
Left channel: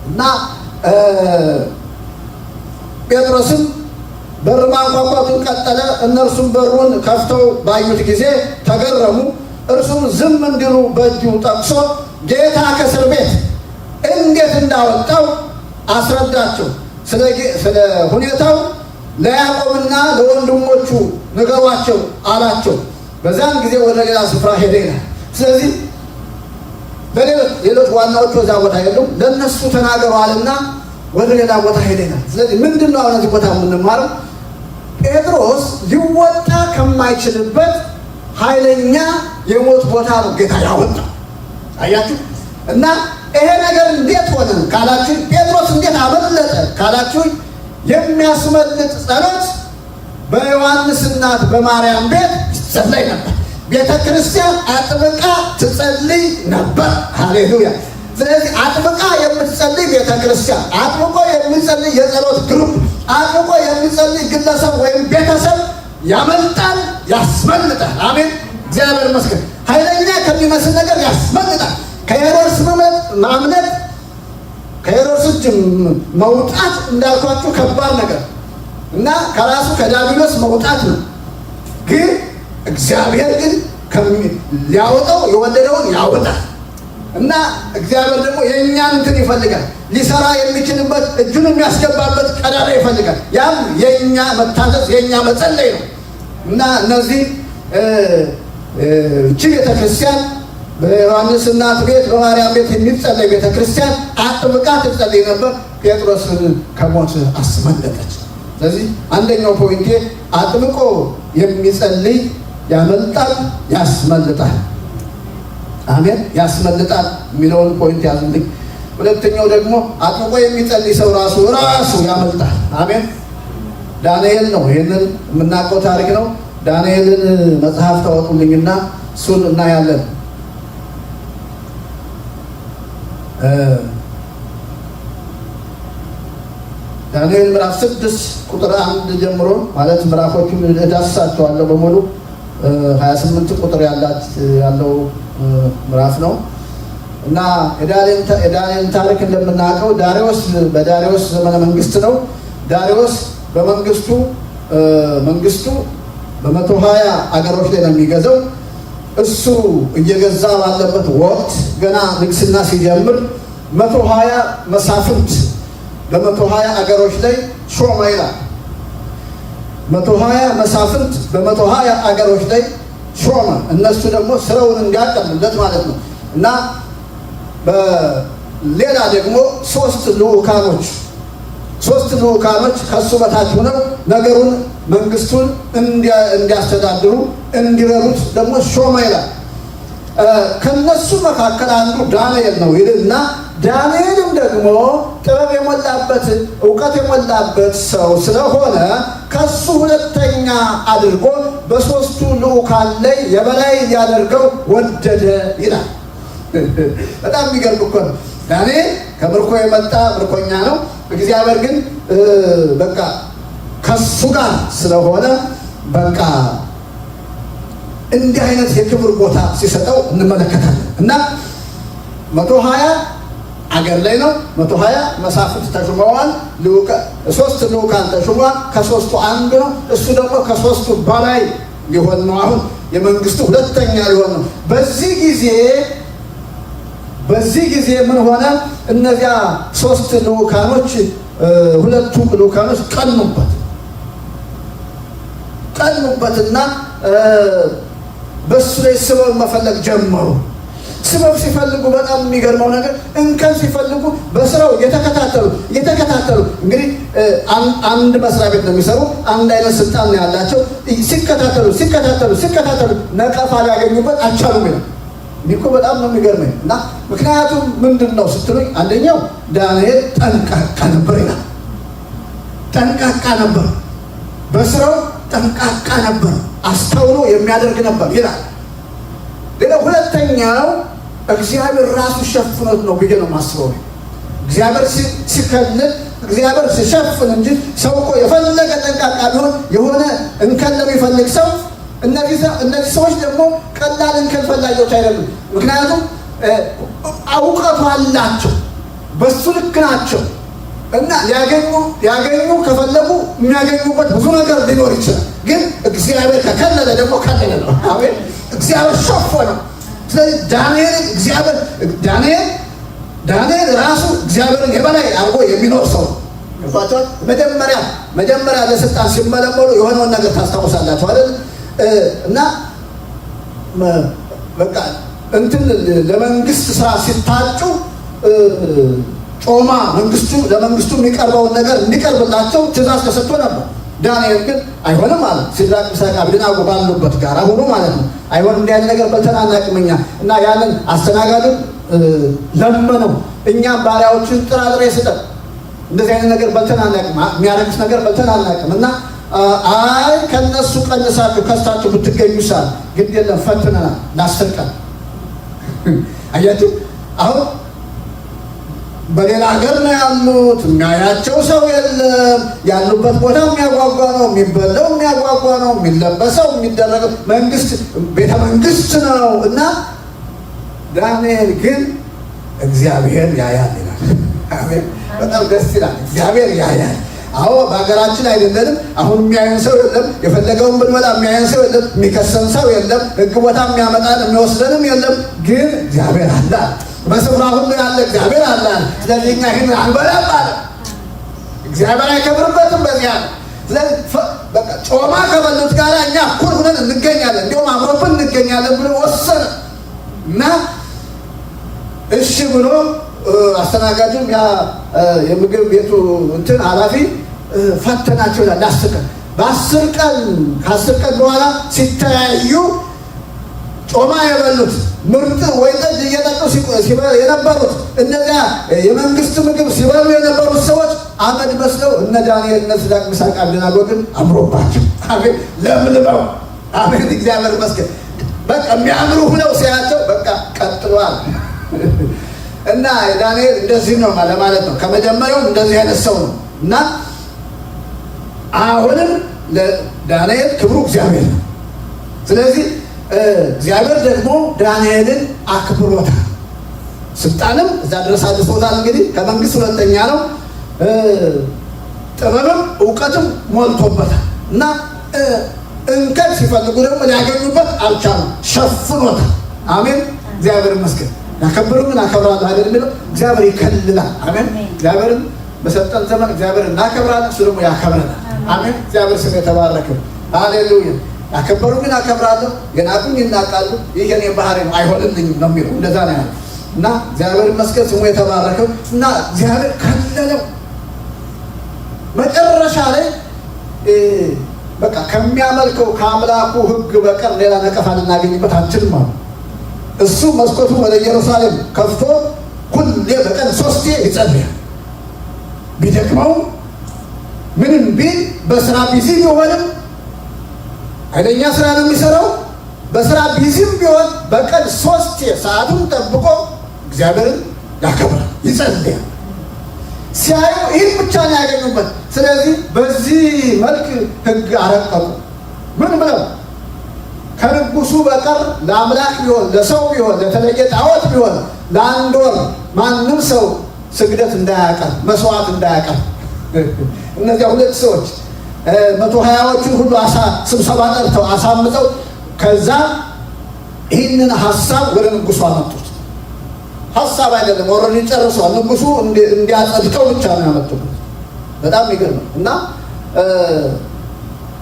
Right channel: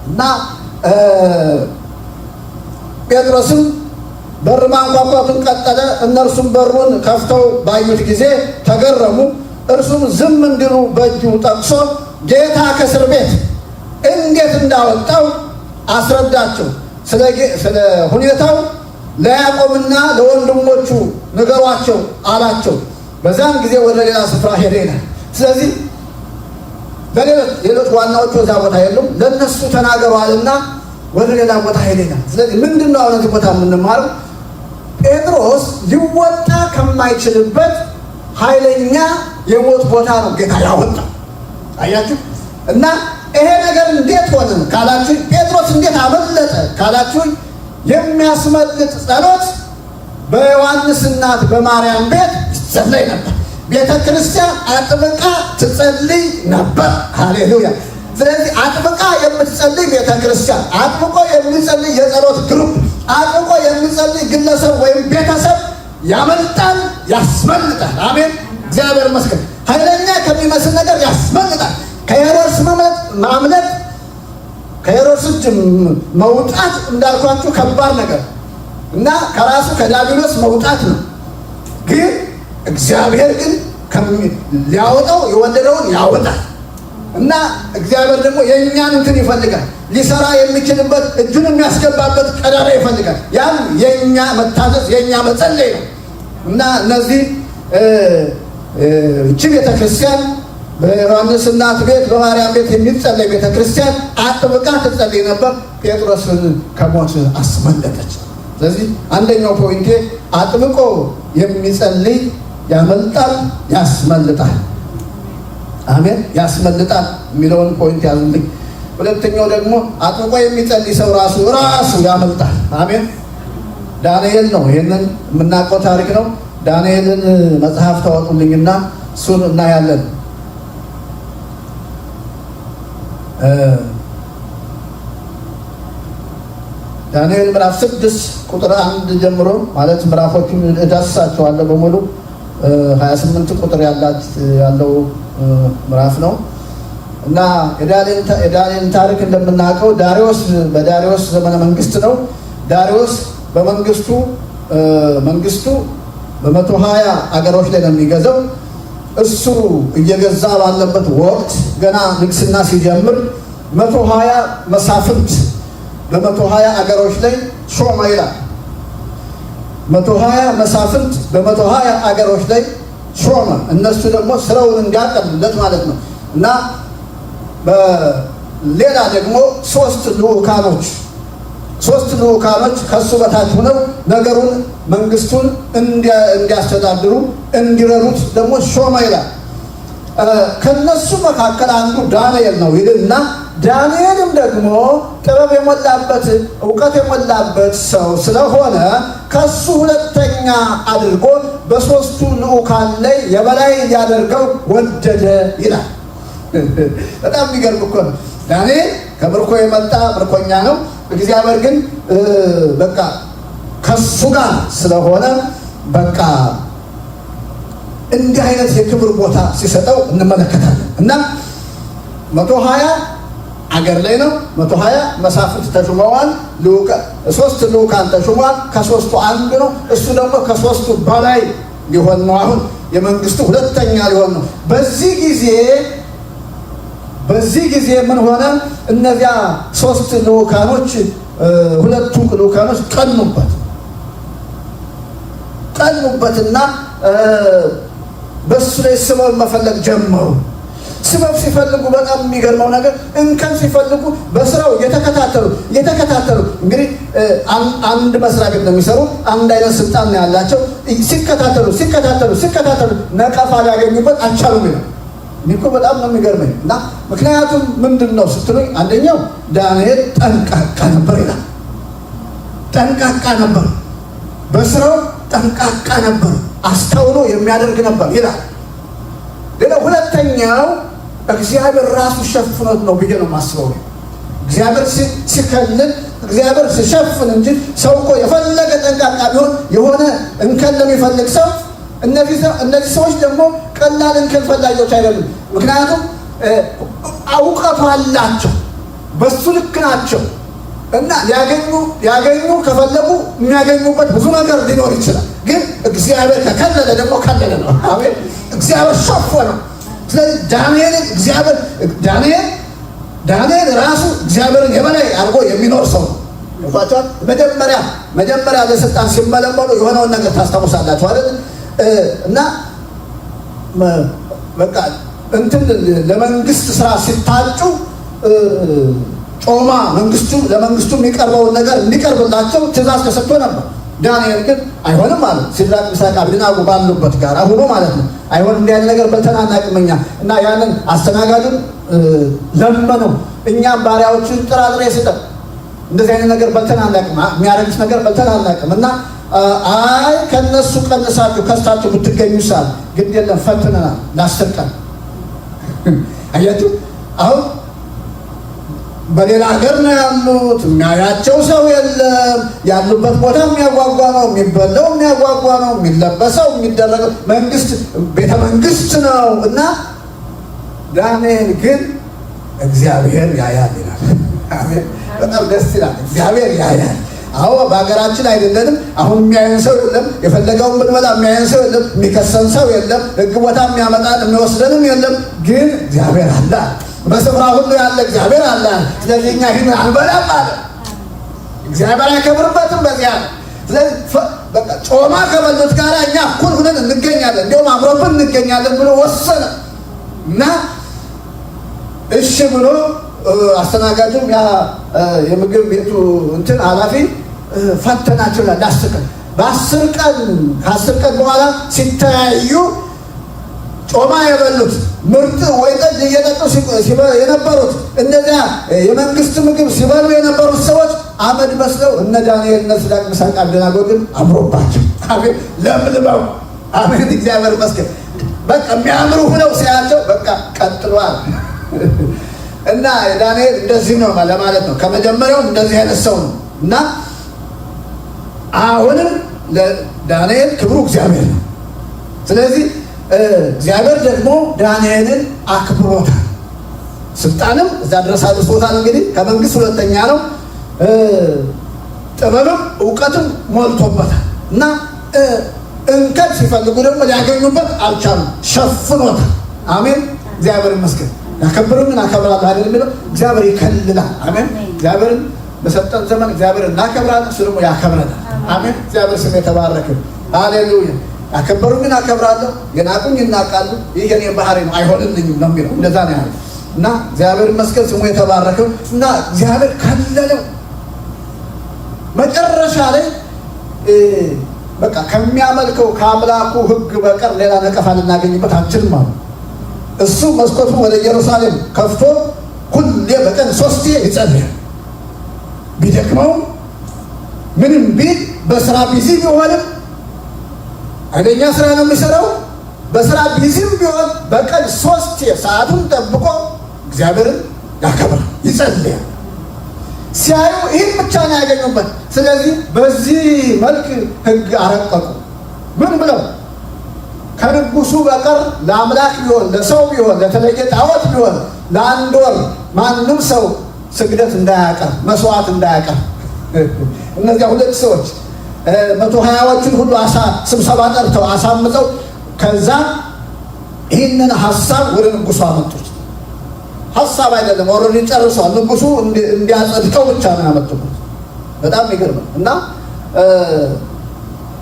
እና ጴጥሮስም በር ማንኳኳቱን ቀጠለ። እነርሱም በሩን ከፍተው ባዩት ጊዜ ተገረሙ። እርሱም ዝም እንዲሉ በእጁ ጠቅሶ ጌታ ከእስር ቤት እንዴት እንዳወጣው አስረዳቸው። ስለ ሁኔታው ለያዕቆብና ለወንድሞቹ ንገሯቸው አላቸው። በዛን ጊዜ ወደ ሌላ ስፍራ ሄደ ይላል። ስለዚህ ሌሎች ዋናዎቹ እዛ ቦታ የሉም፣ ለእነሱ ተናገሯልና ወደ ሌላ ቦታ ሄደ ይላል። ስለዚህ ምንድን ነው እነዚህ ቦታ የምንማረው? ጴጥሮስ ሊወጣ ከማይችልበት ኃይለኛ የሞት ቦታ ነው ጌታ ያወጣው። አያችሁ? እና ይሄ ነገር እንዴት ሆነ ካላችሁ፣ ጴጥሮስ እንዴት አመለጠ ካላችሁ፣ የሚያስመልጥ ጸሎት በዮሐንስ እናት በማርያም ቤት ይጸለይ ነበር። ቤተ ክርስቲያን አጥብቃ ትጸልይ ነበር። ሃሌሉያ! ስለዚህ አጥብቃ የምትጸልይ ቤተ ክርስቲያን፣ አጥብቆ የሚጸልይ የጸሎት ግሩፕ፣ አጥብቆ የሚጸልይ ግለሰብ ወይም ቤተሰብ ያመልጣል፣ ያስመልጣል። አሜን! እግዚአብሔር ይመስገን። ኃይለኛ ከሚመስል ነገር ያስመልጣል። ከሄሮድስ ማምለጥ፣ ከሄሮድስ እጅ መውጣት እንዳልኳችሁ ከባድ ነገር እና ከራሱ ከዲያብሎስ መውጣት ነው። ግን እግዚአብሔር ግን ሊያወጣው የወደደውን ያወጣል። እና እግዚአብሔር ደግሞ የእኛን እንትን ይፈልጋል። ሊሰራ የሚችልበት እጁን የሚያስገባበት ቀዳዳ ይፈልጋል። ያም የእኛ መታዘዝ፣ የእኛ መጸለይ ነው። እና እነዚህ እቺ ቤተክርስቲያን በዮሐንስ እናት ቤት በማርያም ቤት የሚጸለይ ቤተክርስቲያን አጥብቃ ትጸልይ ነበር። ጴጥሮስን ከሞት አስመለጠች። ስለዚህ አንደኛው ፖይንቴ አጥብቆ የሚጸልይ ያመልጣል፣ ያስመልጣል። አሜን! ያስመልጣል የሚለውን ፖይንት ያዙልኝ። ሁለተኛው ደግሞ አጥብቆ የሚጸልይ ሰው ራሱ ያመልጣል። አሜን! ዳንኤል ነው። ይህንን የምናውቀው ታሪክ ነው። ዳንኤልን መጽሐፍ ታወጡልኝና እሱን እናያለን። ዳንኤል ምዕራፍ 6 ቁጥር 1 ጀምሮ ማለት ምዕራፎቹን እዳስሳቸዋለሁ በሙሉ 28 ቁጥር ያለው ምዕራፍ ነው እና የዳንኤልን ታሪክ እንደምናውቀው በዳሪዮስ ዘመነ መንግስት ነው። ዳሪዮስ በመንግስቱ በ120 አገሮች ላይ ነው የሚገዛው። እሱ እየገዛ ባለበት ወቅት ገና ንግስና ሲጀምር 120 መሳፍንት በ120 አገሮች ላይ ሾመ ይላል። 120 መሳፍንት በ120 አገሮች ላይ ሾመ። እነሱ ደግሞ ስራውን እንዲያቀሉለት ማለት ነው። እና በሌላ ደግሞ ሶስት ልኡካኖች ከሱ በታች ሆነው ነገሩን መንግስቱን እንዲያስተዳድሩ እንዲረዱት ደግሞ ሾመ ይላል። ከነሱ መካከል አንዱ ዳንኤል ነው ይልና ዳንኤልም ደግሞ ጥበብ የሞላበት እውቀት የሞላበት ሰው ስለሆነ ከሱ ሁለተኛ አድርጎ በሶስቱ ልኡካን ላይ የበላይ ያደርገው ወደደ ይላል። በጣም የሚገርም እኮ ነው። ዳንኤል ከምርኮ የመጣ ምርኮኛ ነው። እግዚአብሔር ግን በቃ ከሱ ጋር ስለሆነ በቃ እንዲህ አይነት የክብር ቦታ ሲሰጠው እንመለከታለን። እና 120 አገር ላይ ነው። 120 መሳፍንት ተሹመዋል። 3 ልዑካን ተሹመዋል። ከ3ቱ አንዱ ነው። እሱ ደግሞ ከ3ቱ በላይ ሊሆን ነው። አሁን የመንግስቱ ሁለተኛ ሊሆን ነው። በዚህ ጊዜ ምን ሆነ? እነዚያ 3 ልዑካኖች 2ቱ ልዑካኖች ቀኑበትና በሱ ላይ ስበብ መፈለግ ጀመሩ። ስበብ ሲፈልጉ በጣም የሚገርመው ነገር እንከን ሲፈልጉ በስራው የተከታተሉ እንግዲህ አንድ መስሪያ ቤት ነው የሚሰሩ፣ አንድ አይነት ስልጣን ነው ያላቸው። ሲከታተሉ ነቀፋ ሊያገኙበት አልቻሉም ይላል። እኔ እኮ በጣም ነው የሚገርመኝ። እና ምክንያቱም ምንድን ነው ስትሉኝ፣ አንደኛው ዳንኤል ጠንቃቃ ነበር ይላል። ጠንቃቃ ነበር፣ በስራው ጠንቃቃ ነበር፣ አስተውሎ የሚያደርግ ነበር ይላል። ሌላ ሁለተኛው እግዚአብሔር ራሱ ሸፍኖት ነው ብዬ ነው የማስበው። እግዚአብሔር ሲከልል፣ እግዚአብሔር ሲሸፍን እንጂ ሰው እኮ የፈለገ ጠንቃቃ ቢሆን የሆነ እንከን ለሚፈልግ ሰው እነዚህ ሰዎች ደግሞ ቀላል እንከን ፈላጊዎች አይደሉም። ምክንያቱም እውቀቱ አላቸው፣ በሱ ልክ ናቸው እና ሊያገኙ ከፈለጉ የሚያገኙበት ብዙ ነገር ሊኖር ይችላል። ግን እግዚአብሔር ከከለለ ደግሞ ከለለ ነው። አሜን። እግዚአብሔር ሸፈነው። ስለዚህ ዳንኤል ራሱ እግዚአብሔርን የበላይ አድርጎ የሚኖር ሰው ነው። መጀመሪያ ለስልጣን ሲመለመሉ የሆነውን ነገር ታስታውሳላችሁ አይደል? እና በቃ እንትን ለመንግስት ስራ ሲታጩ ጮማ ለመንግስቱ የሚቀርበውን ነገር እንዲቀርብላቸው ትእዛዝ ተሰጥቶ ነበር። ዳንኤል ግን አይሆንም አለ። ሲድራቅ ሚሳቅ አብደናጎ ባሉበት ጋር ሁሉ ማለት ነው። አይሆንም እንዲህ ያለ ነገር በልተን አናውቅም እኛ። እና ያንን አስተናጋጁን ለመነው፣ እኛም ባሪያዎችን ጥራጥሬ ስጠን፣ እንደዚህ አይነት ነገር በልተን አናውቅም፣ የሚያረግስ ነገር በልተን አናውቅም። እና አይ ከነሱ ቀንሳችሁ ከስታችሁ ብትገኙ ሳል ግን የለም ፈትነናል ለ10 ቀን። አያችሁ አሁን በሌላ ሀገር ነው ያሉት። የሚያያቸው ሰው የለም። ያሉበት ቦታ የሚያጓጓ ነው፣ የሚበላው የሚያጓጓ ነው፣ የሚለበሰው የሚደረገው ቤተ መንግስት ነው። እና ዳንኤል ግን እግዚአብሔር ያያል ይላል። በጣም ደስ ይላል። እግዚአብሔር ያያል። አዎ በሀገራችን አይደለንም። አሁን የሚያየን ሰው የለም። የፈለገውን ብንመጣ የሚያየን ሰው የለም። የሚከሰን ሰው የለም። ህግ ቦታ የሚያመጣን የሚወስደንም የለም። ግን እግዚአብሔር አለ። በስፍራ ሁሉ ያለ እግዚአብሔር አለ። ስለዚህ እኛ ይህን አንበላም አለ። እግዚአብሔር አይከብርበትም በዚያ። ስለዚህ በቃ ጮማ ከበሉት ጋር እኛ እኩል ሁነን እንገኛለን፣ እንዲሁም አብሮብን እንገኛለን ብሎ ወሰነ እና እሺ ብሎ አስተናጋጁም ያ የምግብ ቤቱ እንትን ኃላፊ ፈተናቸው ይላል። ለ10 ቀን ከ10 ቀን በኋላ ሲተያዩ ጮማ የበሉት ምርጥ ወይ ጠጅ እየጠጡ የነበሩት እነዚያ የመንግስት ምግብ ሲበሉ የነበሩት ሰዎች አመድ መስለው እነ ዳንኤል እነ ሲድራቅ ሚሳቅ አብደናጎ ግን አምሮባቸው አሜን ለምልመው አሜን እግዚአብሔር ይመስገን በቃ የሚያምሩ ሁነው ሲያቸው በቃ ቀጥሏል። እና ዳንኤል እንደዚህ ነው ለማለት ነው። ከመጀመሪያው እንደዚህ አይነት ሰው ነው እና አሁንም ለዳንኤል ክብሩ እግዚአብሔር ነው። ስለዚህ እግዚአብሔር ደግሞ ዳንኤልን አክብሮታል። ስልጣንም እዛ ድረስ አድርሶታል። እንግዲህ ከመንግስት ሁለተኛ ነው። ጥበብም እውቀትም ሞልቶበታል እና እንከን ሲፈልጉ ደግሞ ሊያገኙበት አልቻሉም። ሸፍኖታል። አሜን እግዚአብሔር ይመስገን። ያከብሩን አከብራለሁ አይደል የሚለው እግዚአብሔር ይከልላል። አሜን እግዚአብሔርን በሰጠን ዘመን እግዚአብሔር እናከብራለን፣ እሱ ደግሞ ያከብረናል። አሜን እግዚአብሔር ስም የተባረከ ሃሌሉያ። ያከበሩኝን አከብራለሁ፣ የናቁኝ ይናቃሉ፣ ይህ የኔ ባህሪ ነው አይሆንልኝም ነው የሚለው። እንደዛ ነው ያለው እና እግዚአብሔር ይመስገን ስሙ የተባረከው እና እግዚአብሔር ከለለው። መጨረሻ ላይ በቃ ከሚያመልከው ከአምላኩ ሕግ በቀር ሌላ ነቀፋ ልናገኝበት አንችልም አሉ። እሱ መስኮቱን ወደ ኢየሩሳሌም ከፍቶ ሁሌ በቀን 3 ይጸልያል። ቢደክመው ምንም ቢል በስራ ቢዚ ቢሆንም ኃይለኛ ስራ ነው የሚሰራው። በስራ ቢዚም ቢሆን በቀን 3 ሰዓቱን ጠብቆ እግዚአብሔርን ያከብራል፣ ይጸልያል። ሲያዩ ይህን ብቻ ነው ያገኙበት። ስለዚህ በዚህ መልክ ሕግ አረቀቁ። ምን ብለው? ከንጉሱ በቀር ለአምላክ ቢሆን ለሰው ቢሆን ለተለየ ጣዖት ቢሆን ለአንድ ወር ማንም ሰው ስግደት እንዳያቀርብ መስዋዕት እንዳያቀርብ። እነዚያ 2 ሰዎች 120ዎቹን ሁሉ ስብሰባ ጠርተው አሳምጠው ከዛ ይህንን ሀሳብ ወደ ንጉሱ አመጡት። ሀሳብ አይደለም፣ ኦልሬዲ ጨርሰዋል። ንጉሱ እንዲያጸድቀው ብቻ ነው ያመጡበት። በጣም የሚገርም እና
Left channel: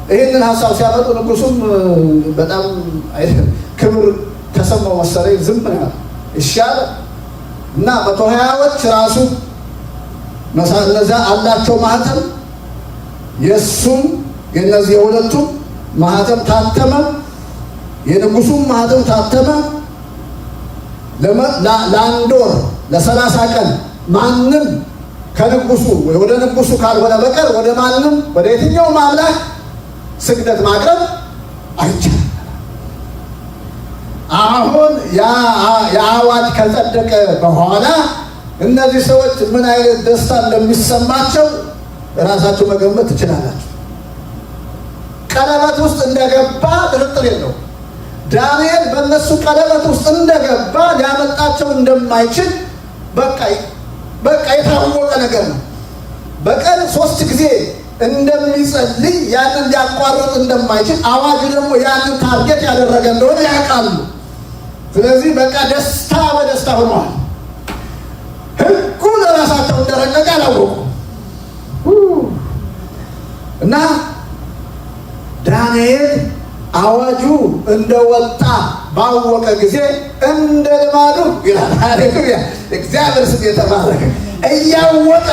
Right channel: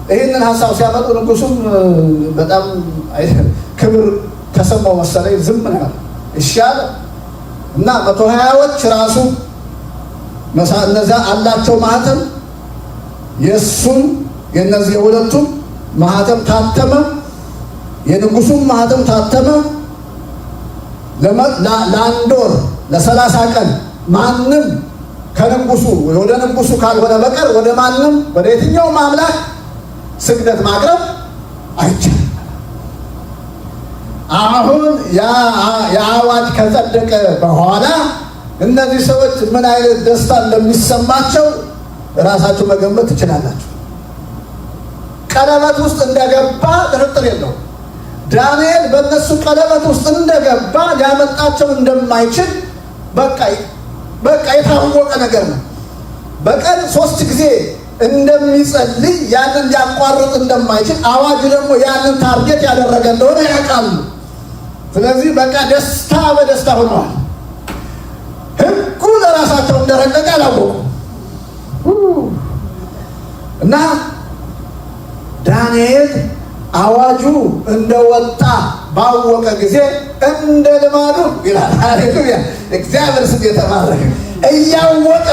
ይህንን ሀሳብ ሲያመጡ ንጉሱም በጣም ክብር ተሰማው መሰለኝ፣ ዝም ነው ያለው። እሺ አለ እና 120ዎች ራሱ እነዚያ አላቸው ማህተም፣ የእሱም የእነዚህ የሁለቱም ማህተም ታተመ፣ የንጉሱም ማህተም ታተመ። ለአንድ ወር ለ30 ቀን ማንም ከንጉሱ ወደ ንጉሱ ካልሆነ በቀር ወደ ማንም ወደ የትኛውም አምላክ ስግደት ማቅረብ አይቻልም። አሁን የአዋጅ ከጸደቀ በኋላ እነዚህ ሰዎች ምን አይነት ደስታ እንደሚሰማቸው ራሳችሁ መገመት ትችላላችሁ። ቀለበት ውስጥ እንደገባ ጥርጥር የለውም። ዳንኤል በእነሱ ቀለበት ውስጥ እንደገባ ሊያመልጣቸው እንደማይችል በቃ የታወቀ ነገር ነው። በቀን 3 ጊዜ እንደሚጸልይ ያንን ሊያቋርጥ እንደማይችል አዋጅ ደግሞ ያንን ታርጌት ያደረገ እንደሆነ ያውቃሉ። ስለዚህ በቃ ደስታ በደስታ ሆነዋል። ሕጉ ለራሳቸው እንደረቀቀ አላወቁ እና ዳንኤል አዋጁ እንደወጣ ባወቀ ጊዜ እንደ ልማዱ ይላል። ሃሌሉያ! እግዚአብሔር ስም የተባረከ። እያወቀ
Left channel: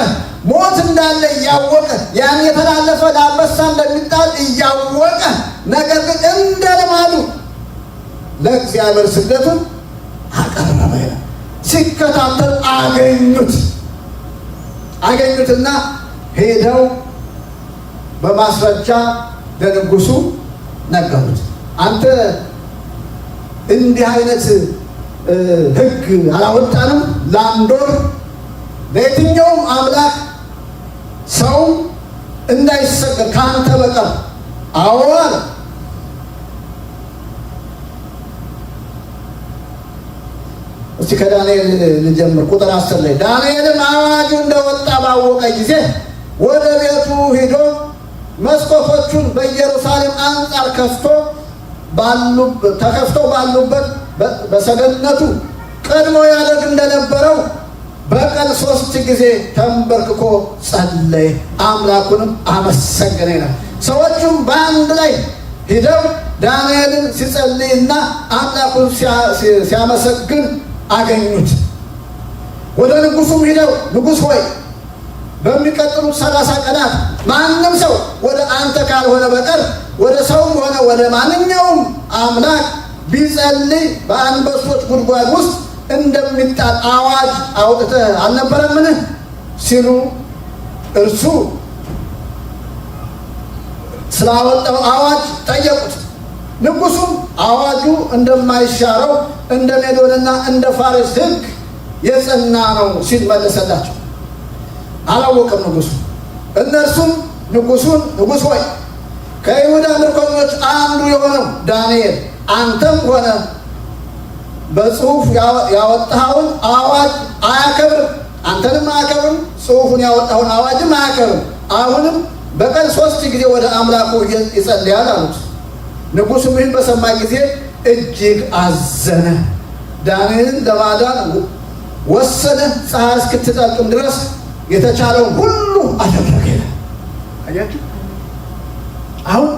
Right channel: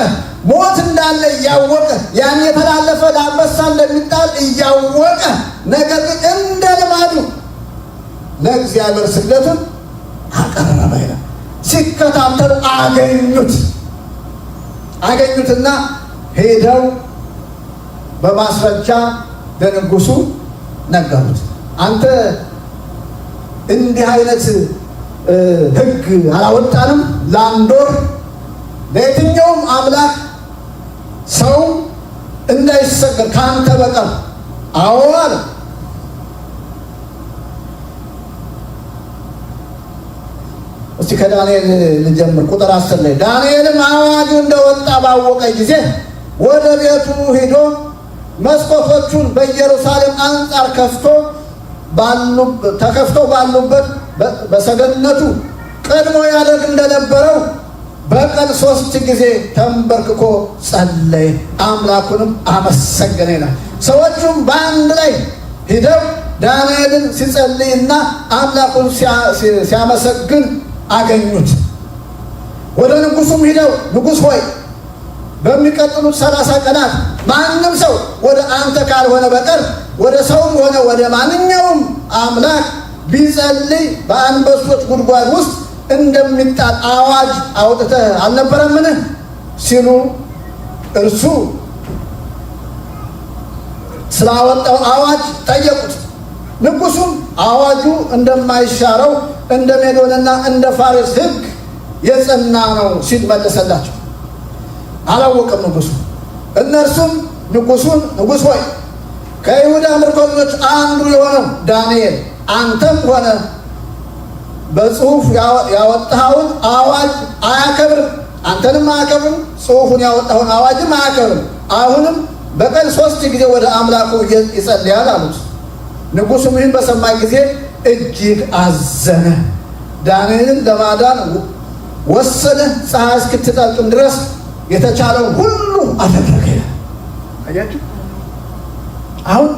ሞት እንዳለ እያወቀ ያን የተላለፈ ለአንበሳ እንደሚጣል እያወቀ ነገር ግን እንደ ልማዱ ለእግዚአብሔር ስግደቱን አቀረበ ይላል። ሲከታተሉ አገኙትና ሄደው በማስረጃ ለንጉሱ ነገሩት። አንተ እንዲህ አይነት ሕግ አላወጣንም፣ ለአንድ ወር ለየትኛውም አምላክ ሰው እንዳይሰገድ ከአንተ በቀር። አዎ አለ። እስቲ ከዳንኤል ልጀምር። ቁጥር 10 ላይ ዳንኤልም አዋጁ እንደወጣ ባወቀ ጊዜ ወደ ቤቱ ሄዶ መስኮቶቹን በኢየሩሳሌም አንጻር ተከፍተው ባሉበት በሰገነቱ ቀድሞ ያደርግ እንደነበረው በቀን 3 ጊዜ ተንበርክኮ ጸለየ፣ አምላኩንም አመሰገነ ይላል። ሰዎቹም በአንድ ላይ ሂደው ዳንኤልን ሲጸልይና አምላኩን ሲያመሰግን አገኙት። ወደ ንጉሱም ሂደው ንጉሥ ሆይ በሚቀጥሉት 30 ቀናት ማንም ሰው ወደ አንተ ካልሆነ በቀር ወደ ሰውም ሆነ ወደ ማንኛውም አምላክ ቢጸልይ በአንበሶች ጉድጓድ ውስጥ እንደሚጣል አዋጅ አውጥተህ አልነበረምን? ሲሉ እርሱ ስላወጣው አዋጅ ጠየቁት። ንጉሱም አዋጁ እንደማይሻረው እንደ ሜዶንና እንደ ፋሬስ ሕግ የጸና ነው ሲል መለሰላቸው። አላወቀም ንጉሱ። እነርሱም ንጉሱን ንጉሥ ሆይ ከይሁዳ ምርኮኞች አንዱ የሆነው ዳንኤል አንተም ሆነ በጽሑፍ ያወጣኸውን አዋጅ አያከብርም፣ አንተንም አያከብርም፣ ጽሑፉን ያወጣኸውን አዋጅም አያከብርም። አሁንም በቀን 3 ጊዜ ወደ አምላኩ ይጸልያል አሉት። ንጉሱም ይህን በሰማ ጊዜ እጅግ አዘነ። ዳንኤልን ለማዳን ወሰነ። ፀሐይ እስክትጠልቅም ድረስ የተቻለው ሁሉ አደረገ። አያችሁ፣ አሁን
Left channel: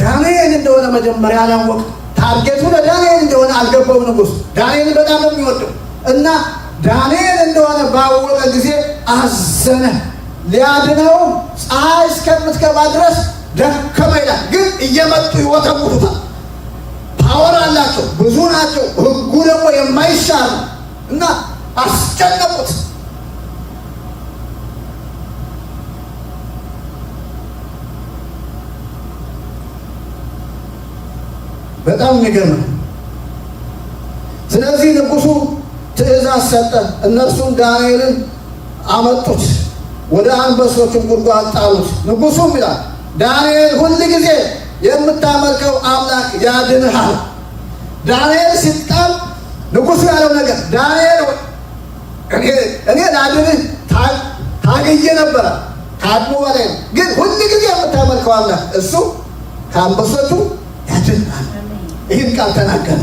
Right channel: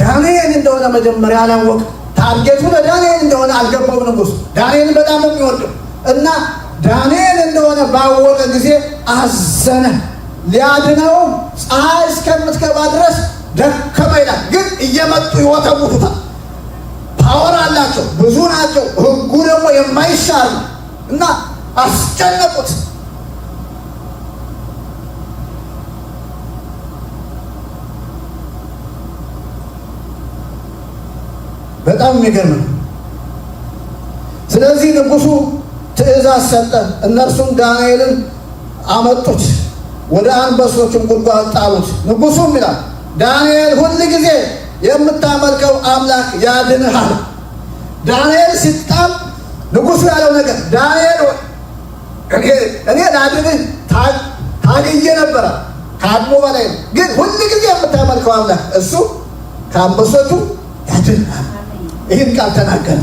ዳንኤል እንደሆነ መጀመሪያ አላወቅም። ታርጌቱ ለዳንኤል እንደሆነ አልገባውም ንጉሥ። ዳንኤልን በጣም ነው የሚወደው እና ዳንኤል እንደሆነ ባወቀ ጊዜ አዘነ። ሊያድነውም ፀሐይ እስከምትገባ ድረስ ደከመ ይላል። ግን እየመጡ ይወተውቱታል። ፓወር አላቸው፣ ብዙ ናቸው። ሕጉ ደግሞ የማይሻር ነው እና አስጨነቁት። በጣም የሚገርም ነው። ስለዚህ ንጉሡ ትእዛዝ ሰጠ። እነርሱም ዳንኤልን አመጡት፣ ወደ አንበሶችም ጉድጓድ ጣሉት። ንጉሡም ይላል ዳንኤል ሁል ጊዜ የምታመልከው አምላክ ያድንሃል። ዳንኤል ሲጣል ንጉሡ ያለው ነገር ዳንኤል እኔ ላድንህ ታግዬ ነበረ፣ ከአቅሙ በላይ ነው። ግን ሁል ጊዜ የምታመልከው አምላክ እሱ ከአንበሶቹ ያድንሃል። ይህን ቃል ተናገረ።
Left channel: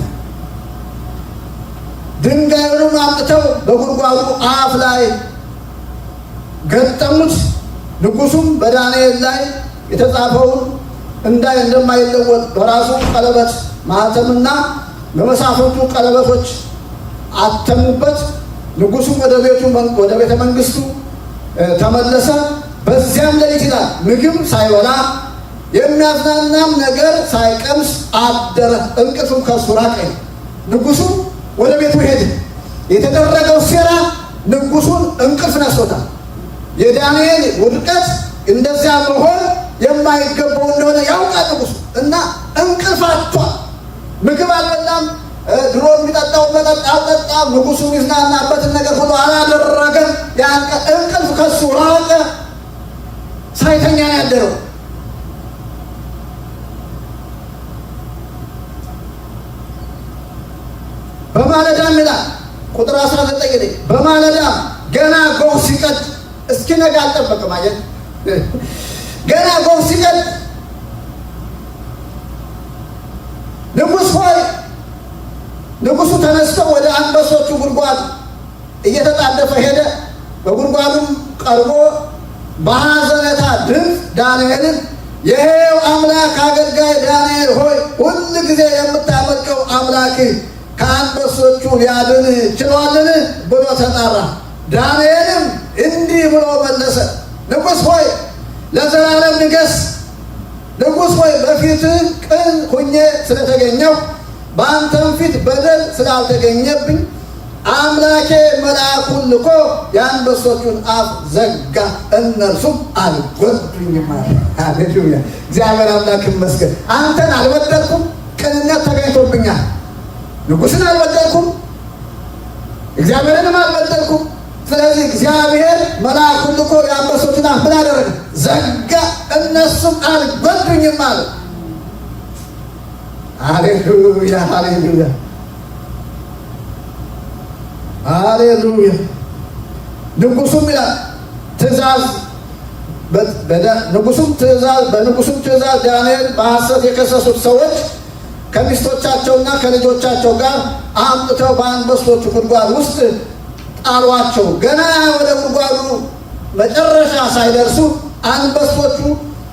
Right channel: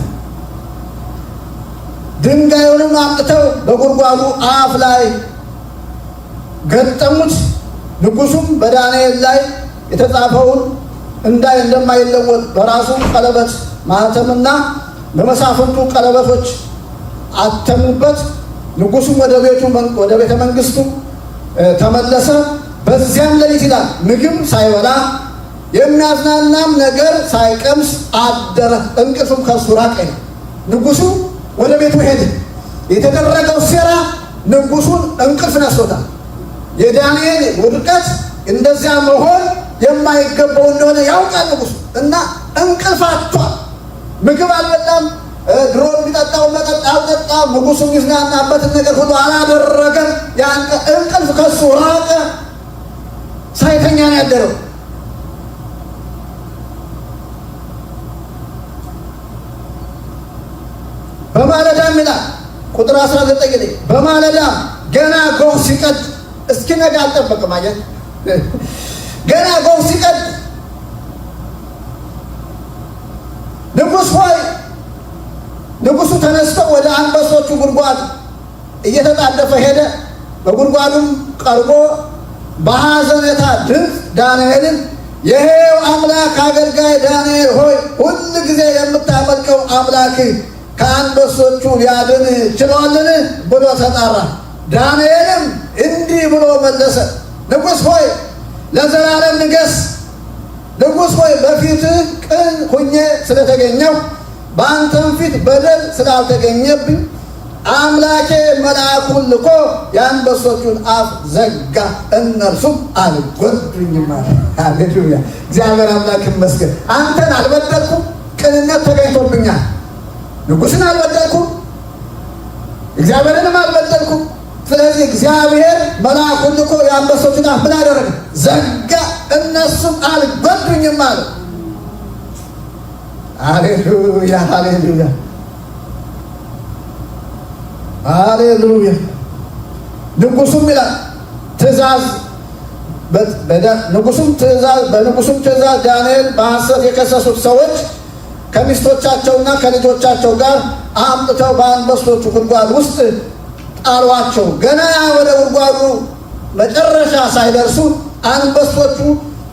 ድንጋዩንም አምጥተው በጉድጓዱ አፍ ላይ ገጠሙት። ንጉሡም በዳንኤል ላይ የተጻፈውን እንደማይለወጥ በራሱ ቀለበት ማኅተምና በመሳፍንቱ ቀለበቶች አተሙበት። ንጉሡም ወደ ቤተ መንግሥቱ ተመለሰ። በዚያም ሌሊት ይላል ምግብ ሳይበላ የሚያዝናናም ነገር ሳይቀምስ አደረ። እንቅልፍም ከእሱ ራቀ። ንጉሡ ወደ ቤቱ ሄደ። የተደረገው ሴራ ንጉሡን እንቅልፍ ነስቶታል። የዳንኤል ውድቀት እንደዚያ መሆን የማይገባው እንደሆነ ያውቃል ንጉሡ እና እንቅልፍ አጥቷል። ምግብ አልበላም። ድሮ የሚጠጣው መጠጥ አልጠጣም። ንጉሡ የሚዝናናበትን ነገር ሁሉ አላደረገም። እንቅልፍ ከሱ ራቀ። ሳይተኛ ነው ያደረው። በማለዳም ይላል ቁጥር 19 ላይ በማለዳም ገና ጎህ ሲቀድ እስኪነጋ አልጠበቅም። አየህ ገና ጎህ ሲቀድ ንጉሡ ተነስቶ ወደ አንበሶቹ ጉድጓድ እየተጣደፈ ሄደ። በጉድጓዱም ቀርቦ በሐዘኔታ ድምፅ ዳንኤልን የሕያው አምላክ አገልጋይ ዳንኤል ሆይ ሁል ጊዜ የምታመልከው አምላክህ ከአንበሶቹ ሊያድን ችሏልን ብሎ ተጣራ። ዳንኤልም እንዲህ ብሎ መለሰ፣ ንጉሥ ሆይ ለዘላለም ንገሥ። ንጉሥ ሆይ በፊትህ ቅን ሁኜ ስለተገኘው በአንተም ፊት በደል ስላልተገኘብኝ አምላኬ መልአኩን ልኮ የአንበሶቹን አፍ ዘጋ፣ እነርሱም አልጎዱኝም አለ። ሃሌሉያ! እግዚአብሔር አምላክ ይመስገን። አንተን አልበደልኩም፣ ቅንነት ተገኝቶብኛል። ንጉሥን አልበደልኩም፣ እግዚአብሔርንም አልበደልኩም። ስለዚህ እግዚአብሔር መልአኩን ልኮ የአንበሶቹን አፍ ምን አደረገ? ዘጋ፣ እነሱም አልጎዱኝም አለ። ሃሌሉያ! ሃሌሉያ! ሃሌሉያ! ንጉሡም ይላል በንጉሡም ትእዛዝ ዳንኤል በሐሰት የከሰሱት ሰዎች ከሚስቶቻቸውና ከልጆቻቸው ጋር አምጥተው በአንበሶቹ ጉድጓድ ውስጥ ጣሏቸው። ገና ወደ ጉድጓዱ መጨረሻ ሳይደርሱ አንበሶቹ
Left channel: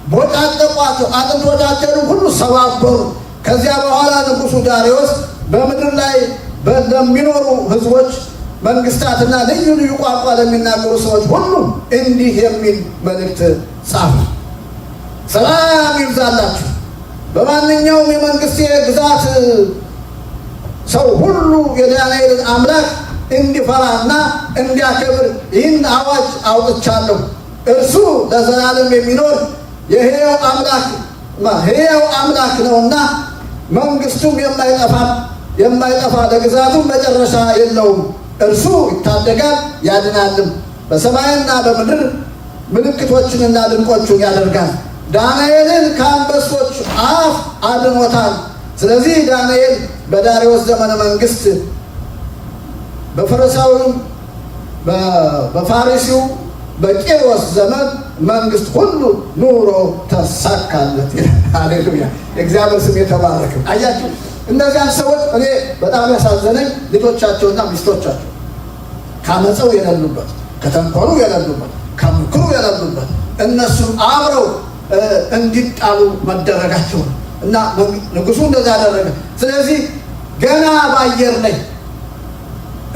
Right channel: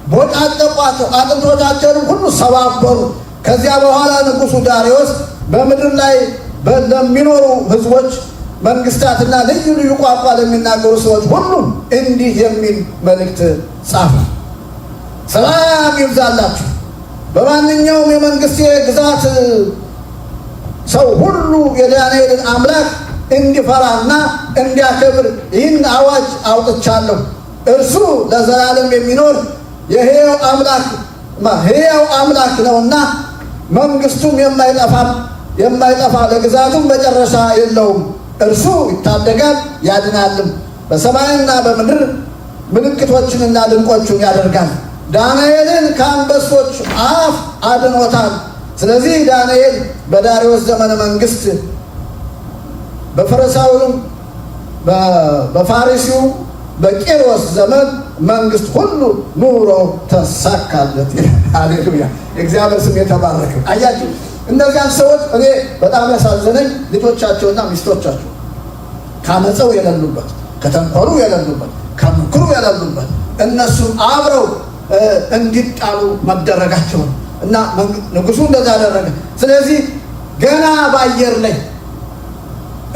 ቦጫጨቋቸው፣ አጥንቶቻቸውን ሁሉ ሰባበሩ። ከዚያ በኋላ ንጉሡ ዳርዮስ በምድር ላይ ለሚኖሩ ሕዝቦች መንግስታትና ልዩ ልዩ ቋንቋ ለሚናገሩ ሰዎች ሁሉ እንዲህ የሚል መልእክት ጻፈ። ሰላም ይብዛላችሁ። በማንኛውም የመንግስቴ ግዛት ሰው ሁሉ የዳንኤልን አምላክ እንዲፈራና እንዲያከብር ይህን አዋጅ አውጥቻለሁ። እርሱ ለዘላለም የሚኖር የሕያው አምላክ ነውና መንግስቱም የማይጠፋ ለግዛቱም መጨረሻ የለውም። እርሱ ይታደጋል ያድናልም፣ በሰማይና በምድር ምልክቶችንና ድንቆችን ያደርጋል። ዳንኤልን ከአንበሶች አፍ አድኖታል። ስለዚህ ዳንኤል በዳርዮስ ዘመነ መንግስት በፈሪሳዊው በፋሪሲው በቂሮስ ዘመን መንግስት ሁሉ ኑሮ ተሳካለት። ሃሌሉያ! የእግዚአብሔር ስም የተባረከ። አያችሁ እነዚያን ሰዎች እኔ በጣም ያሳዘነኝ ልጆቻቸውና ሚስቶቻቸው ካመፀው የሌሉበት፣ ከተንኮሉ የሌሉበት፣ ከምክሩ የሌሉበት እነሱም አብረው እንዲጣሉ መደረጋቸው ነው። እና ንጉሡ እንደዛ አደረገ። ስለዚህ ገና በአየር ላይ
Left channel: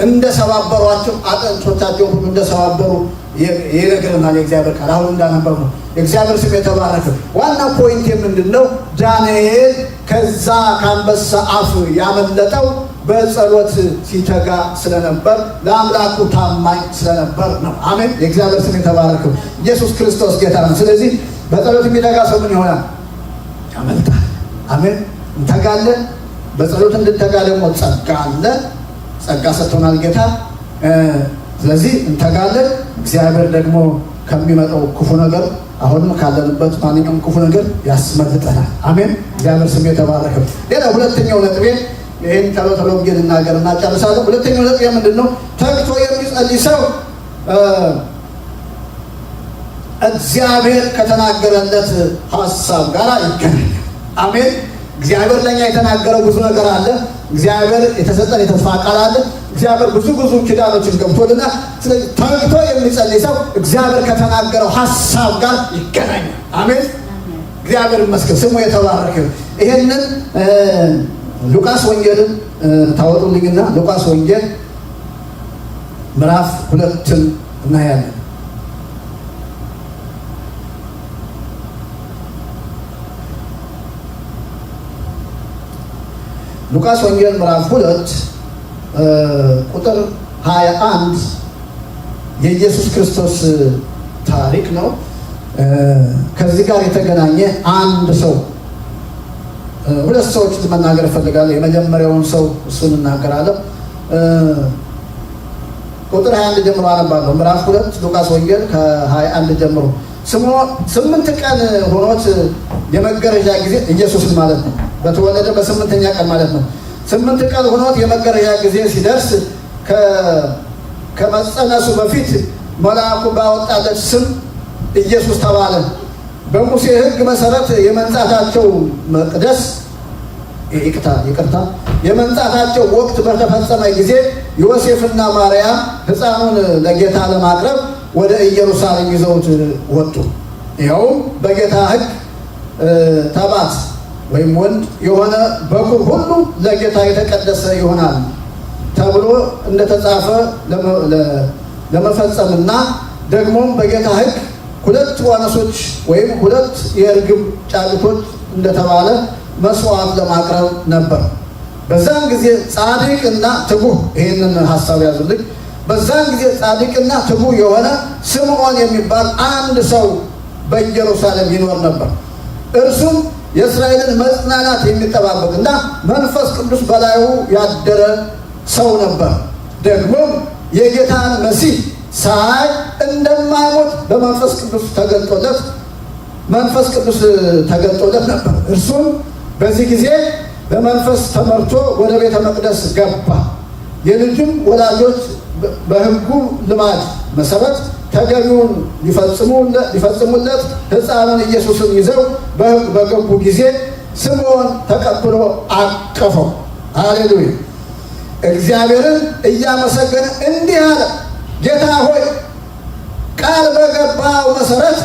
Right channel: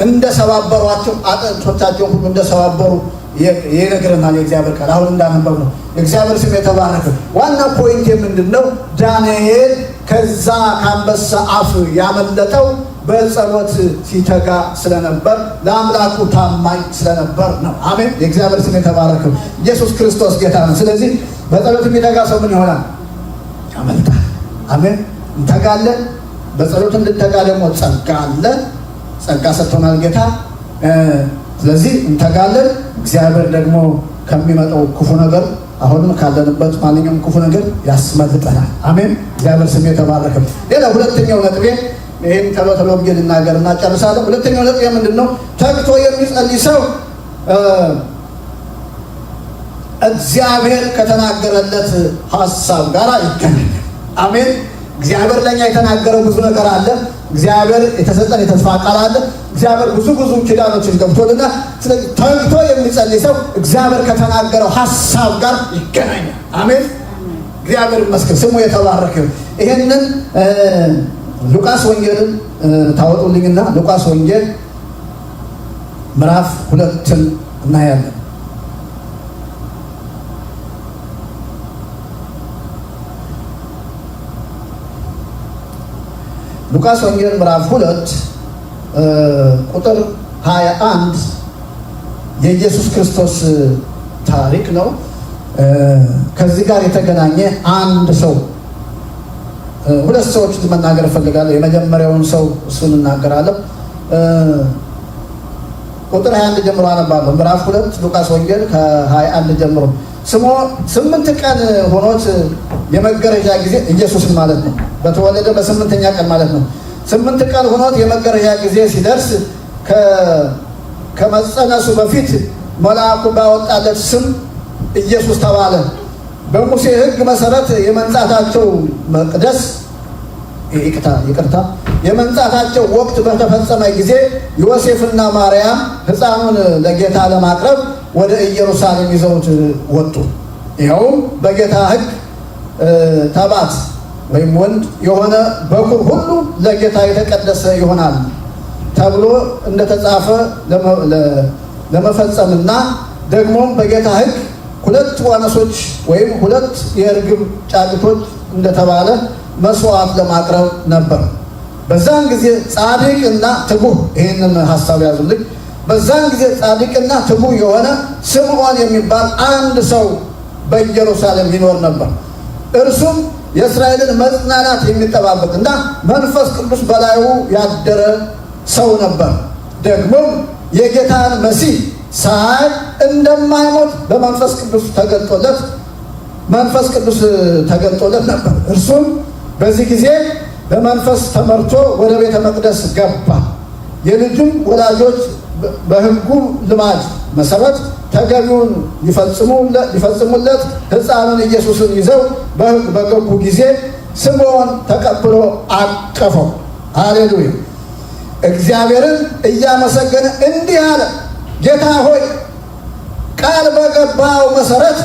እንደሰባበሯቸው አጥንቶቻቸውን ሁሉ እንደሰባበሩ ይነግረናል የእግዚአብሔር ቃል። አሁን እንዳነበብ ነው። የእግዚአብሔር ስም የተባረከ። ዋና ፖይንት ምንድን ነው? ዳንኤል ከዛ ከአንበሳ አፍ ያመለጠው በጸሎት ሲተጋ ስለነበር፣ ለአምላኩ ታማኝ ስለነበር ነው። አሜን። የእግዚአብሔር ስም የተባረከ። ኢየሱስ ክርስቶስ ጌታ ነው። ስለዚህ በጸሎት የሚተጋ ሰው ምን ይሆናል? ያመልጣል። አሜን። እንተጋለን። በጸሎት እንድንተጋ ደግሞ ጸጋ አለ። ጸጋ ሰጥቶናል ጌታ። ስለዚህ እንተጋለን። እግዚአብሔር ደግሞ ከሚመጣው ክፉ ነገር አሁንም ካለንበት ማንኛውም ክፉ ነገር ያስመልጠናል። አሜን። እግዚአብሔር ስም የተባረከ። ሌላ ሁለተኛው ነጥቤ ይህን ቶሎ ቶሎ ብዬ ልናገርና ጨርሳለሁ። ሁለተኛው ነጥቤ ምንድን ነው? ተግቶ የሚጸልይ ሰው እግዚአብሔር ከተናገረለት ሀሳብ ጋር ይገናኛል። አሜን። እግዚአብሔር ለኛ የተናገረው ብዙ ነገር አለ። እግዚአብሔር የተሰጠን የተስፋ ቃል አለ። እግዚአብሔር ብዙ ኪዳኖችን ገብቶልናል። ስለዚህ ተግቶ የሚጸልይ ሰው እግዚአብሔር ከተናገረው ሀሳብ ጋር ይገናኛል። አሜን። እግዚአብሔር ይመስገን፣ ስሙ የተባረከ። ይሄንን ሉቃስ ወንጌልን ታወጡልኝና ሉቃስ ወንጌል ምዕራፍ 2 እናያለን። ሉቃስ ወንጌል ምዕራፍ 2 ቁጥር 21 የኢየሱስ ክርስቶስ ታሪክ ነው። ከዚህ ጋር የተገናኘ አንድ ሰው ሁለት ሰዎች መናገር እፈልጋለሁ። የመጀመሪያውን ሰው እሱን እናገራለሁ። ቁጥር 21 ጀምሮ አነባለሁ። ምዕራፍ 2 ሉቃስ ወንጌል ከ21 ጀምሮ 8 ቀን ሆኖት የመገረዣ ጊዜ ኢየሱስን ማለት ነው በተወለደ በ8ኛ ቀን ማለት ነው። 8 ቀን ሆኖት የመገረዣ ጊዜ ሲደርስ ከመጸነሱ በፊት መልአኩ ባወጣለት ስም ኢየሱስ ተባለ። በሙሴ ሕግ መሰረት የመንጻታቸው መቅደስ ይቅርታ የመንጻታቸው ወቅት በተፈጸመ ጊዜ ዮሴፍና ማርያም ሕፃኑን ለጌታ ለማቅረብ ወደ ኢየሩሳሌም ይዘውት ወጡ። ይኸውም በጌታ ሕግ ተባት ወይም ወንድ የሆነ በኩር ሁሉ ለጌታ የተቀደሰ ይሆናል ተብሎ እንደተጻፈ ለመፈጸምና ደግሞም በጌታ ሕግ 2 ዋኖሶች ወይም 2 የርግብ ጫጩቶች እንደተባለ መስዋዕት ለማቅረብ ነበር። በዛን ጊዜ ጻድቅና ትጉህ፣ ይህንን ሀሳብ ያዙልኝ። በዛን ጊዜ ጻድቅና ትጉህ የሆነ ስምዖን የሚባል አንድ ሰው በኢየሩሳሌም ይኖር ነበር። እርሱም የእስራኤልን መጽናናት የሚጠባበቅ እና መንፈስ ቅዱስ በላዩ ያደረ ሰው ነበር። ደግሞም የጌታን መሲህ ሳይ እንደማይሞት በመንፈስ ቅዱስ ተገልጦለት ነበር። እርሱም በዚህ ጊዜ በመንፈስ ተመርቶ ወደ ቤተ መቅደስ ገባ። የልጁም ወላጆች በሕጉ ልማድ መሰረት ተገቢውን ሊፈጽሙለት ሕፃኑን ኢየሱስን ይዘው በገቡ ጊዜ ስምዖን ተቀብሎ አቀፈው። ሃሌሉያ! እግዚአብሔርን እያመሰገነ እንዲህ አለ፣ ጌታ ሆይ ቃል በገባው መሰረት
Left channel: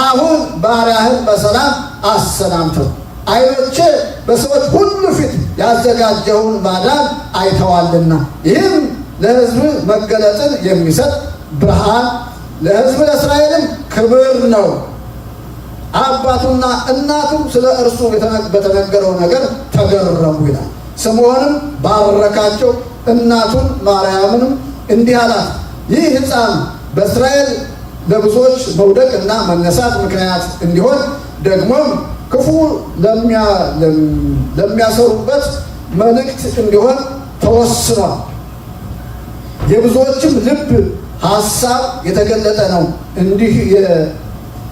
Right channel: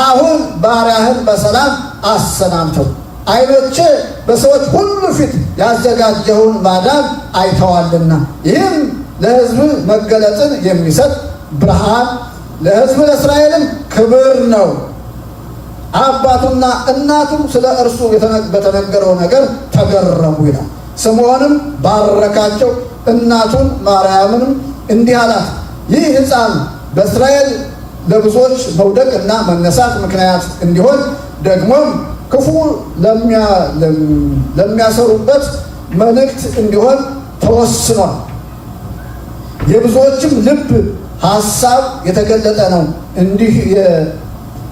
አሁን ባሪያህን በሰላም አሰናምተው። ዓይኖቼ በሰዎች ሁሉ ፊት ያዘጋጀውን ማዳን አይተዋልና፣ ይህም ለሕዝብ መገለጥን የሚሰጥ ብርሃን፣ ለሕዝብ ለእስራኤልም ክብር ነው። አባቱና እናቱም ስለ እርሱ በተነገረው ነገር ተገረሙ ይላል። ስምዖንም ባረካቸው፣ እናቱን ማርያምንም እንዲህ አላት፣ ይህ ሕፃን በእስራኤል ለብዙዎች መውደቅ እና መነሳት ምክንያት እንዲሆን ደግሞም ክፉ ለሚያሰሩበት መልእክት እንዲሆን ተወስኗል። የብዙዎችም ልብ ሀሳብ የተገለጠ ነው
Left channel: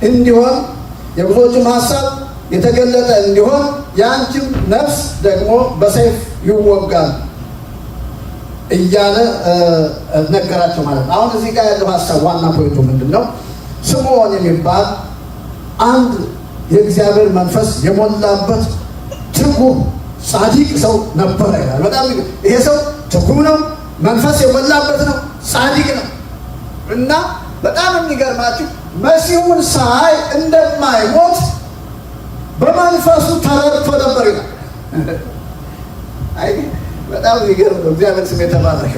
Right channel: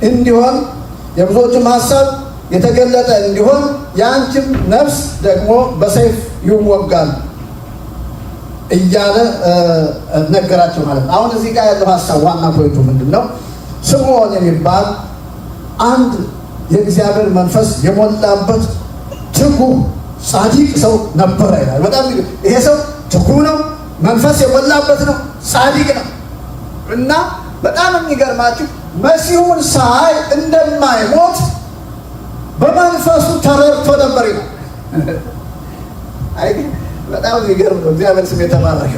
እንዲሆን የብዙዎችም ሀሳብ የተገለጠ እንዲሆን የአንቺም ነፍስ ደግሞ በሰይፍ ይወጋል እያለ ነገራቸው ማለት ነው። አሁን እዚህ ጋር ያለው ሀሳብ ዋና ፖይንቱ ምንድን ነው? ስምዖን የሚባል አንድ የእግዚአብሔር መንፈስ የሞላበት ትጉህ ጻድቅ ሰው ነበረ ይላል። በጣም ይሄ ሰው ትጉህ ነው፣ መንፈስ የሞላበት ነው፣ ጻድቅ ነው እና በጣም የሚገርማችሁ መሲሁን ሳይ እንደማይሞት በመንፈሱ ተረድቶ ነበር ይላል። አይ በጣም የሚገርም ነው። እግዚአብሔር ስም የተባረከ።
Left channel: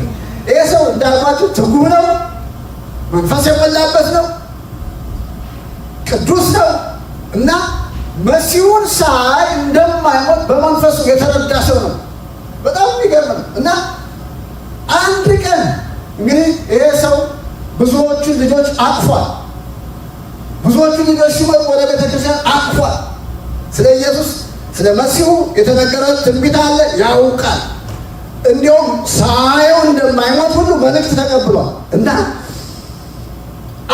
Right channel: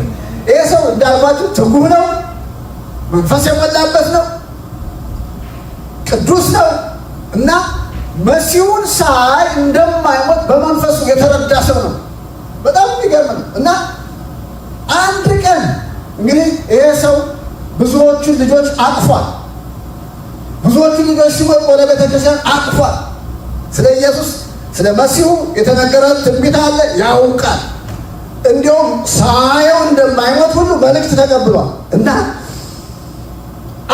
ይሄ ሰው እንዳልኳችሁ ትጉህ ነው፣ መንፈስ የሞላበት ነው፣ ቅዱስ ነው እና መሲሁን ሳይ እንደማይሞት በመንፈሱ የተረዳ ሰው ነው። በጣም የሚገርም ነው እና አንድ ቀን እንግዲህ ይሄ ሰው ብዙዎቹን ልጆች አቅፏል። ብዙዎቹን ልጆች ሲመጡ ወደ ቤተክርስቲያን አቅፏል። ስለ ኢየሱስ ስለ መሲሁ የተነገረ ትንቢት አለ፣ ያውቃል። እንዲሁም ሳየው እንደማይሞት ሁሉ መልእክት ተቀብሏል እና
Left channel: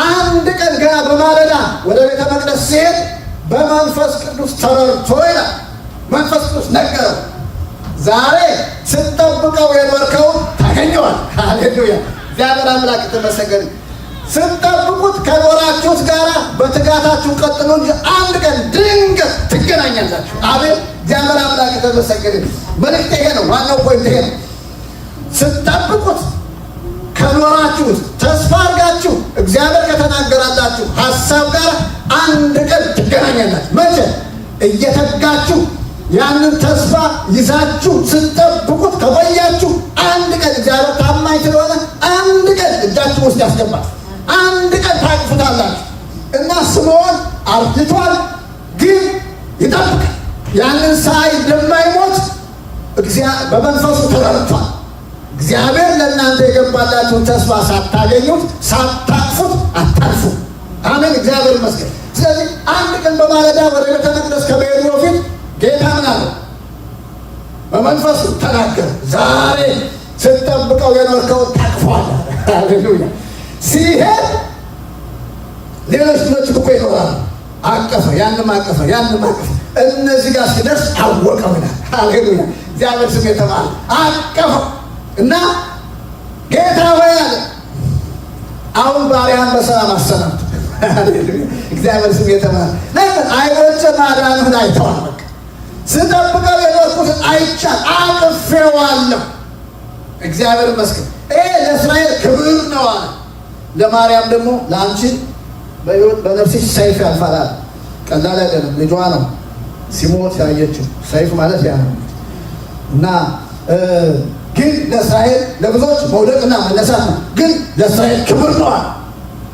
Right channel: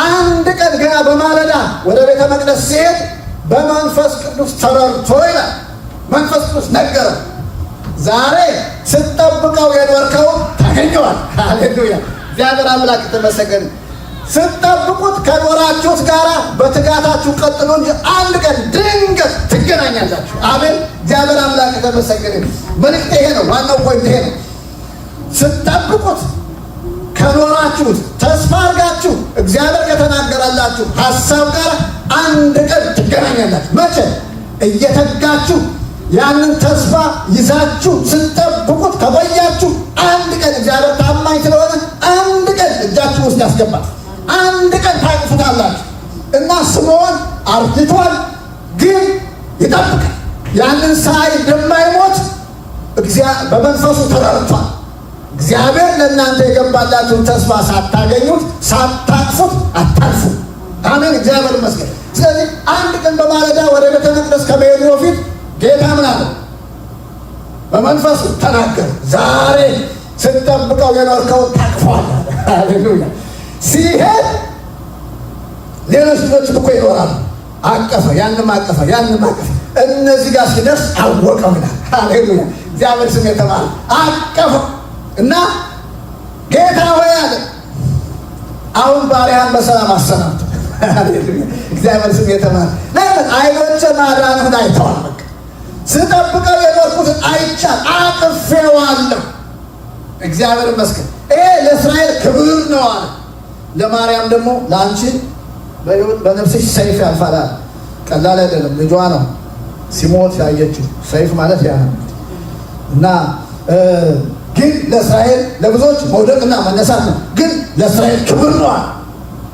አንድ ቀን ገና በማለዳ ወደ ቤተ መቅደስ ሲሄድ በመንፈስ ቅዱስ ተረድቶ ይላል። መንፈስ ቅዱስ ነገረው፣ ዛሬ ስትጠብቀው የኖርከውን ታገኘዋል። ሃሌሉያ! እግዚአብሔር አምላክ የተመሰገነ። ስትጠብቁት ከኖራችሁት ጋራ በትጋታችሁ ቀጥሎ እንጂ አንድ ቀን ድንገት ትገናኛላችሁ። አሜን! እግዚአብሔር አምላክ የተመሰገነ። መልእክት ይሄ ነው፣ ዋናው ፖይንት ይሄ ነው። ስትጠብቁት ከኖራችሁት ተስፋ አድርጋችሁ እግዚአብሔር ከተናገራላችሁ ሀሳብ ጋር አንድ ቀን ትገናኛላችሁ። መቼ? እየተጋችሁ ያንን ተስፋ ይዛችሁ ስትጠብቁት ከቆያችሁ አንድ ቀን እግዚአብሔር ታማኝ ስለሆነ አንድ ቀን እጃችሁ ውስጥ ያስገባል። አንድ ቀን ታቅፉታላችሁ እና ስምዖን አርጅቷል፣ ግን ይጠብቃል። ያንን ሳይ እንደማይሞት በመንፈሱ ተረድቷል። እግዚአብሔር ለእናንተ የገባላችሁን ተስፋ ሳታገኙት ሳታቅፉት አታልፉ። አሜን! እግዚአብሔር ይመስገን። ስለዚህ አንድ ቀን በማለዳ ወደ ቤተ መቅደስ ከመሄዱ በፊት ጌታ ምን አለ? በመንፈሱ ተናገረ። ዛሬ ስትጠብቀው የኖርከውን ታቅፈዋለህ። ሃሌሉያ! ሲሄድ ሌሎች ልጆችም እኮ ይኖራሉ። አቀፈ፣ ያንም አቀፈ፣ ያንም አቀፈ። እነዚህ ጋር ሲደርስ አወቀው ይላል። ሃሌሉያ! እግዚአብሔር ስም የተባለ አቀፈው እና ጌታ ሆይ አለ፣ አሁን ባሪያን በሰላም አሰናብት። ሃሌሉያ! እግዚአብሔር ስም የተባለ። ለምን? ዓይኖቼ ማዳንህን አይተዋል። በቃ ስጠብቀው የኖርኩትን አይቻል፣ አቅፌዋለሁ። እግዚአብሔር ይመስገን። ይሄ ለእስራኤል ክብር ነው አለ። ለማርያም ደግሞ ለአንቺ በነፍስሽ ሰይፍ ያልፋል። ቀላል አይደለም። ልጇ ነው ሲሞት ያየችው። ሰይፍ ማለት ያ ነው እና ግን ለእስራኤል ለብዙዎች መውደቅና መነሳት ነው። ግን ለእስራኤል ክብር ነው።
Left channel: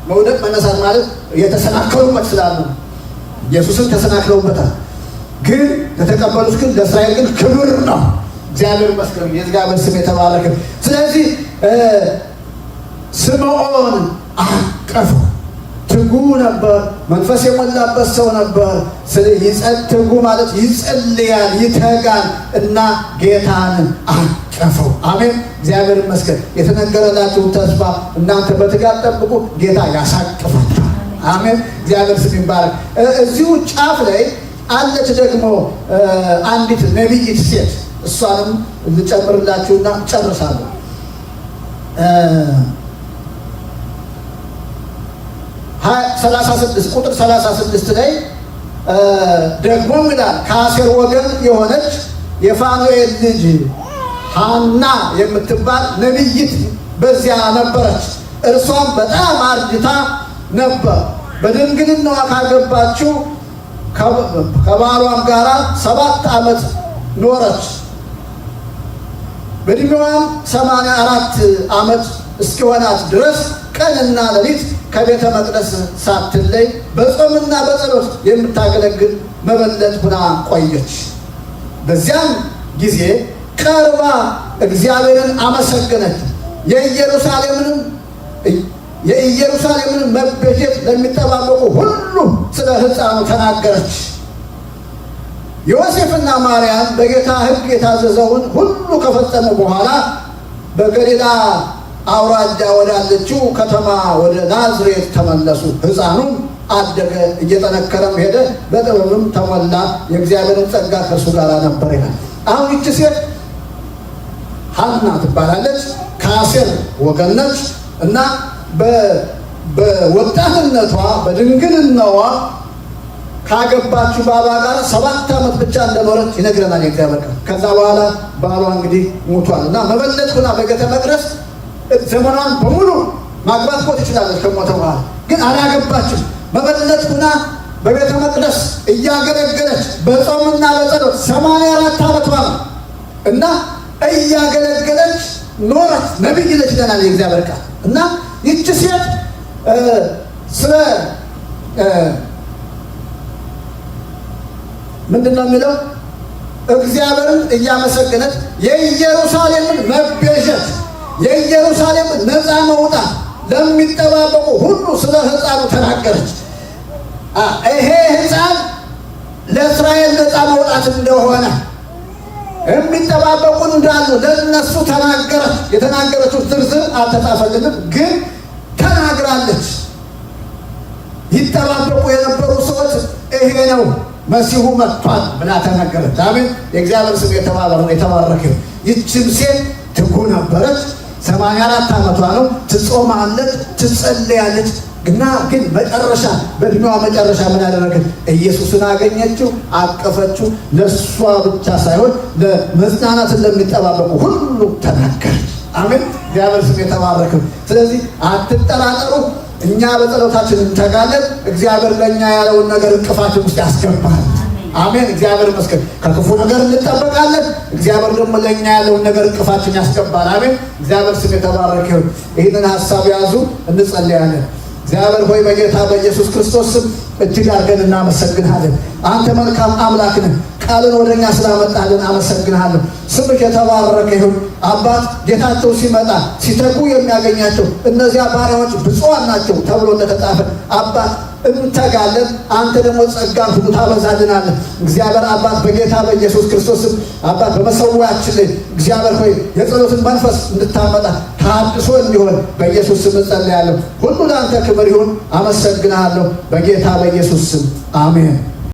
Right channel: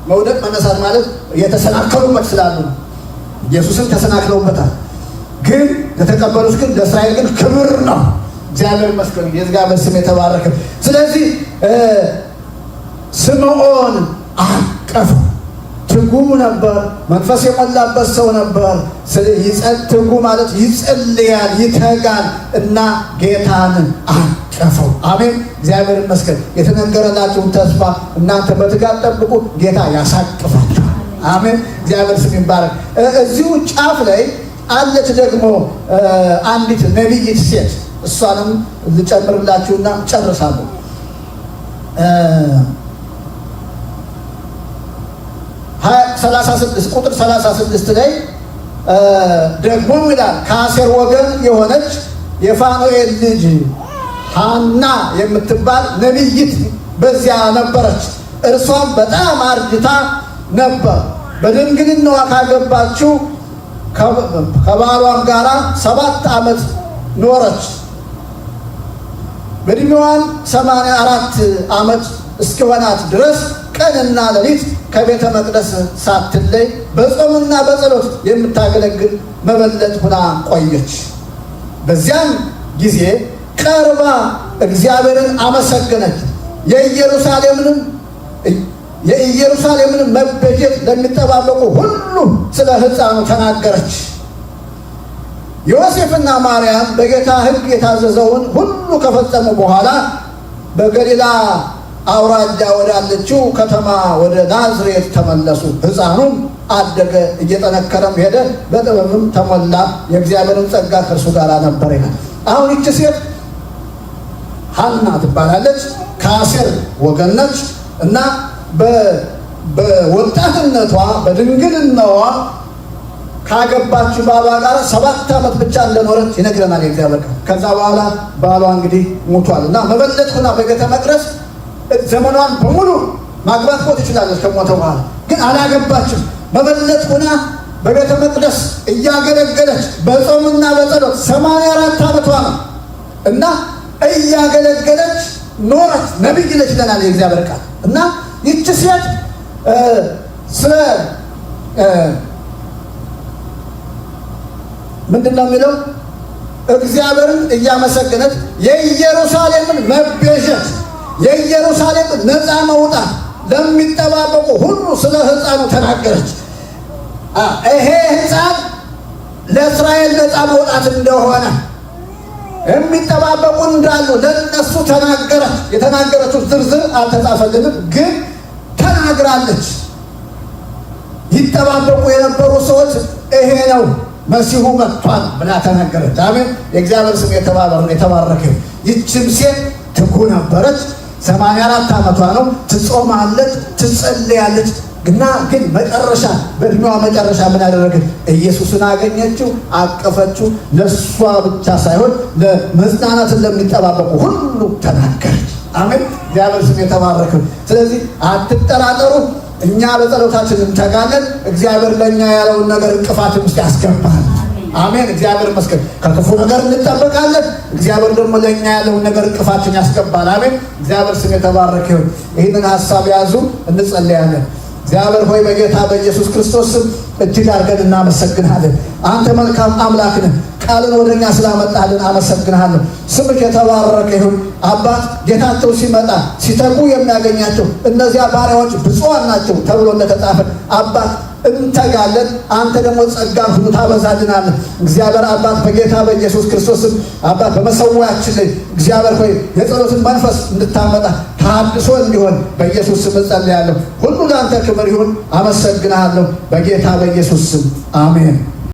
መውደቅ መነሳት ማለት የተሰናከሉበት ስላሉ ነው። ኢየሱስን ተሰናክለውበታል። ግን ለተቀበሉት ግን ለእስራኤል ግን ክብር ነው። እግዚአብሔር ይመስገን። የእግዚአብሔር ስም የተባረከ። ስለዚህ ስምዖን አቀፉ። ትጉ ነበር። መንፈስ የሞላበት ሰው ነበር። ትጉ ማለት ይጸልያል፣ ይተጋል እና ጌታን አቀፈው። አሜን! እግዚአብሔር ይመስገን። የተነገረላችሁን ተስፋ እናንተ በትጋት ጠብቁ፣ ጌታ ያሳቅፋችኋል። አሜን! እግዚአብሔር ስም ይባረክ። እዚሁ ጫፍ ላይ አለች ደግሞ አንዲት ነቢይት ሴት። እሷንም ልጨምርላችሁና ጨርሳለሁ። ቁጥር 36 ላይ ደግሞ ይላል ከአሴር ወገን የሆነች የፋኑኤል ልጅ ሐና የምትባል ነቢይት በዚያ ነበረች። እርሷም በጣም አርጅታ ነበር። በድንግልናዋ ካገባችው ከባሏም ጋር 7 ዓመት ኖረች። በዕድሜዋም 84 ዓመት እስኪሆናት ድረስ ቀንና ሌሊት ከቤተ መቅደስ ሳትለይ በጾምና በጸሎት የምታገለግል መበለት ሆና ቆየች። በዚያም ጊዜ ቀርባ እግዚአብሔርን አመሰገነች። የኢየሩሳሌምን መቤዠት ለሚጠባበቁ ሁሉ ስለ ሕፃኑ ተናገረች። ዮሴፍና ማርያም በጌታ ሕግ የታዘዘውን ሁሉ ከፈጸሙ በኋላ በገሊላ አውራጃ ወዳለችው ከተማ ወደ ናዝሬት ተመለሱ። ሕፃኑም አደገ፣ እየጠነከረም ሄደ፣ በጥበብም ተሞላ፣ የእግዚአብሔርን ጸጋ ከእርሱ ጋር ነበር ይላል። አሁን ይቺ ሴት ሐና ትባላለች። ከአሴር ወገን ነች እና በወጣትነቷ በድንግልናዋ ካገባችው ባሏ ጋር 7 ዓመት ብቻ እንደኖረች ይነግረናል የእግዚአብሔር ቃል። ከዛ በኋላ ባሏ እንግዲህ ሞቷል እና መበለት ሆና በቤተ መቅደስ ዘመኗን በሙሉ ማግባት እኮ ትችላለች ከሞተ በኋላ ግን አላገባችም። መበለት ሆና በቤተ መቅደስ እያገለገለች በጾምና በጸሎት 84 ዓመቷ ነው እና እያገለገለች ኖረች። ነቢይ ነች ይለናል የእግዚአብሔር ቃል። እና ይቺ ሴት ስለ ምንድን ነው የሚለው? እግዚአብሔርን እያመሰገነች የኢየሩሳሌምን መቤዠት የኢየሩሳሌምን ነፃ መውጣት ለሚጠባበቁ ሁሉ ስለ ሕፃኑ ተናገረች። ይሄ ሕፃን ለእስራኤል ነፃ መውጣት እንደሆነ የሚጠባበቁ እንዳሉ ለእነሱ ተናገረ። የተናገረችው ዝርዝር አልተጻፈልንም፣ ግን ተናግራለች። ይጠባበቁ የነበሩ ሰዎች ይሄ ነው መሲሁ መጥቷል ብላ ተናገረች። አሜን። የእግዚአብሔር ስም የተባረከ። ይህችም ሴት ትጉ ነበረች። 84 ዓመቷ ነው። ትጾማለች፣ ትጸልያለች። ግን መጨረሻ በእድሜዋ መጨረሻ ምን ያደረገች? ኢየሱስን አገኘችው፣ አቀፈችው። ለእሷ ብቻ ሳይሆን ለመጽናናትን ለሚጠባበቁ ሁሉ ተናገረች። አሜን። እግዚአብሔር ስም የተባረከ። ስለዚህ አትጠራጠሩ። እኛ በጸሎታችን እንተጋለን። እግዚአብሔር ለእኛ ያለውን ነገር እንቅፋትን ውስጥ ያስገባል። አሜን። እግዚአብሔር ይመስገን። ከክፉ ነገር እንጠበቃለን። እግዚአብሔር ደግሞ ለእኛ ያለውን ነገር እንቅፋትን ያስገባል። አሜን። እግዚአብሔር ስም የተባረከ ይሁን። ይህንን ሀሳብ ያዙ፣ እንጸልያለን። እግዚአብሔር ሆይ በጌታ በኢየሱስ ክርስቶስ ስም እጅግ አድርገን እናመሰግንሃለን። አንተ መልካም አምላክ ነህ። ቃልን ወደኛ ስላመጣልን አመሰግንሃለሁ። ስምህ የተባረከ ይሁን። አባት ጌታቸው ሲመጣ ሲተጉ የሚያገኛቸው እነዚያ ባሪያዎች ብፁዓን ናቸው ተብሎ እንደተጻፈ አባት እንተጋለን። አንተ ደግሞ ጸጋን ሁሉ ታበዛልናለህ። እግዚአብሔር አባት በጌታ በኢየሱስ ክርስቶስም አባት በመሰዊያችን ላይ እግዚአብሔር ሆይ የጸሎትን መንፈስ እንድታመጣ ታድሶ እንዲሆን በኢየሱስ ስም እጸልያለሁ። ሁሉ ለአንተ ክብር ይሁን። አመሰግንሃለሁ በጌታ በኢየሱስ ስም አሜን።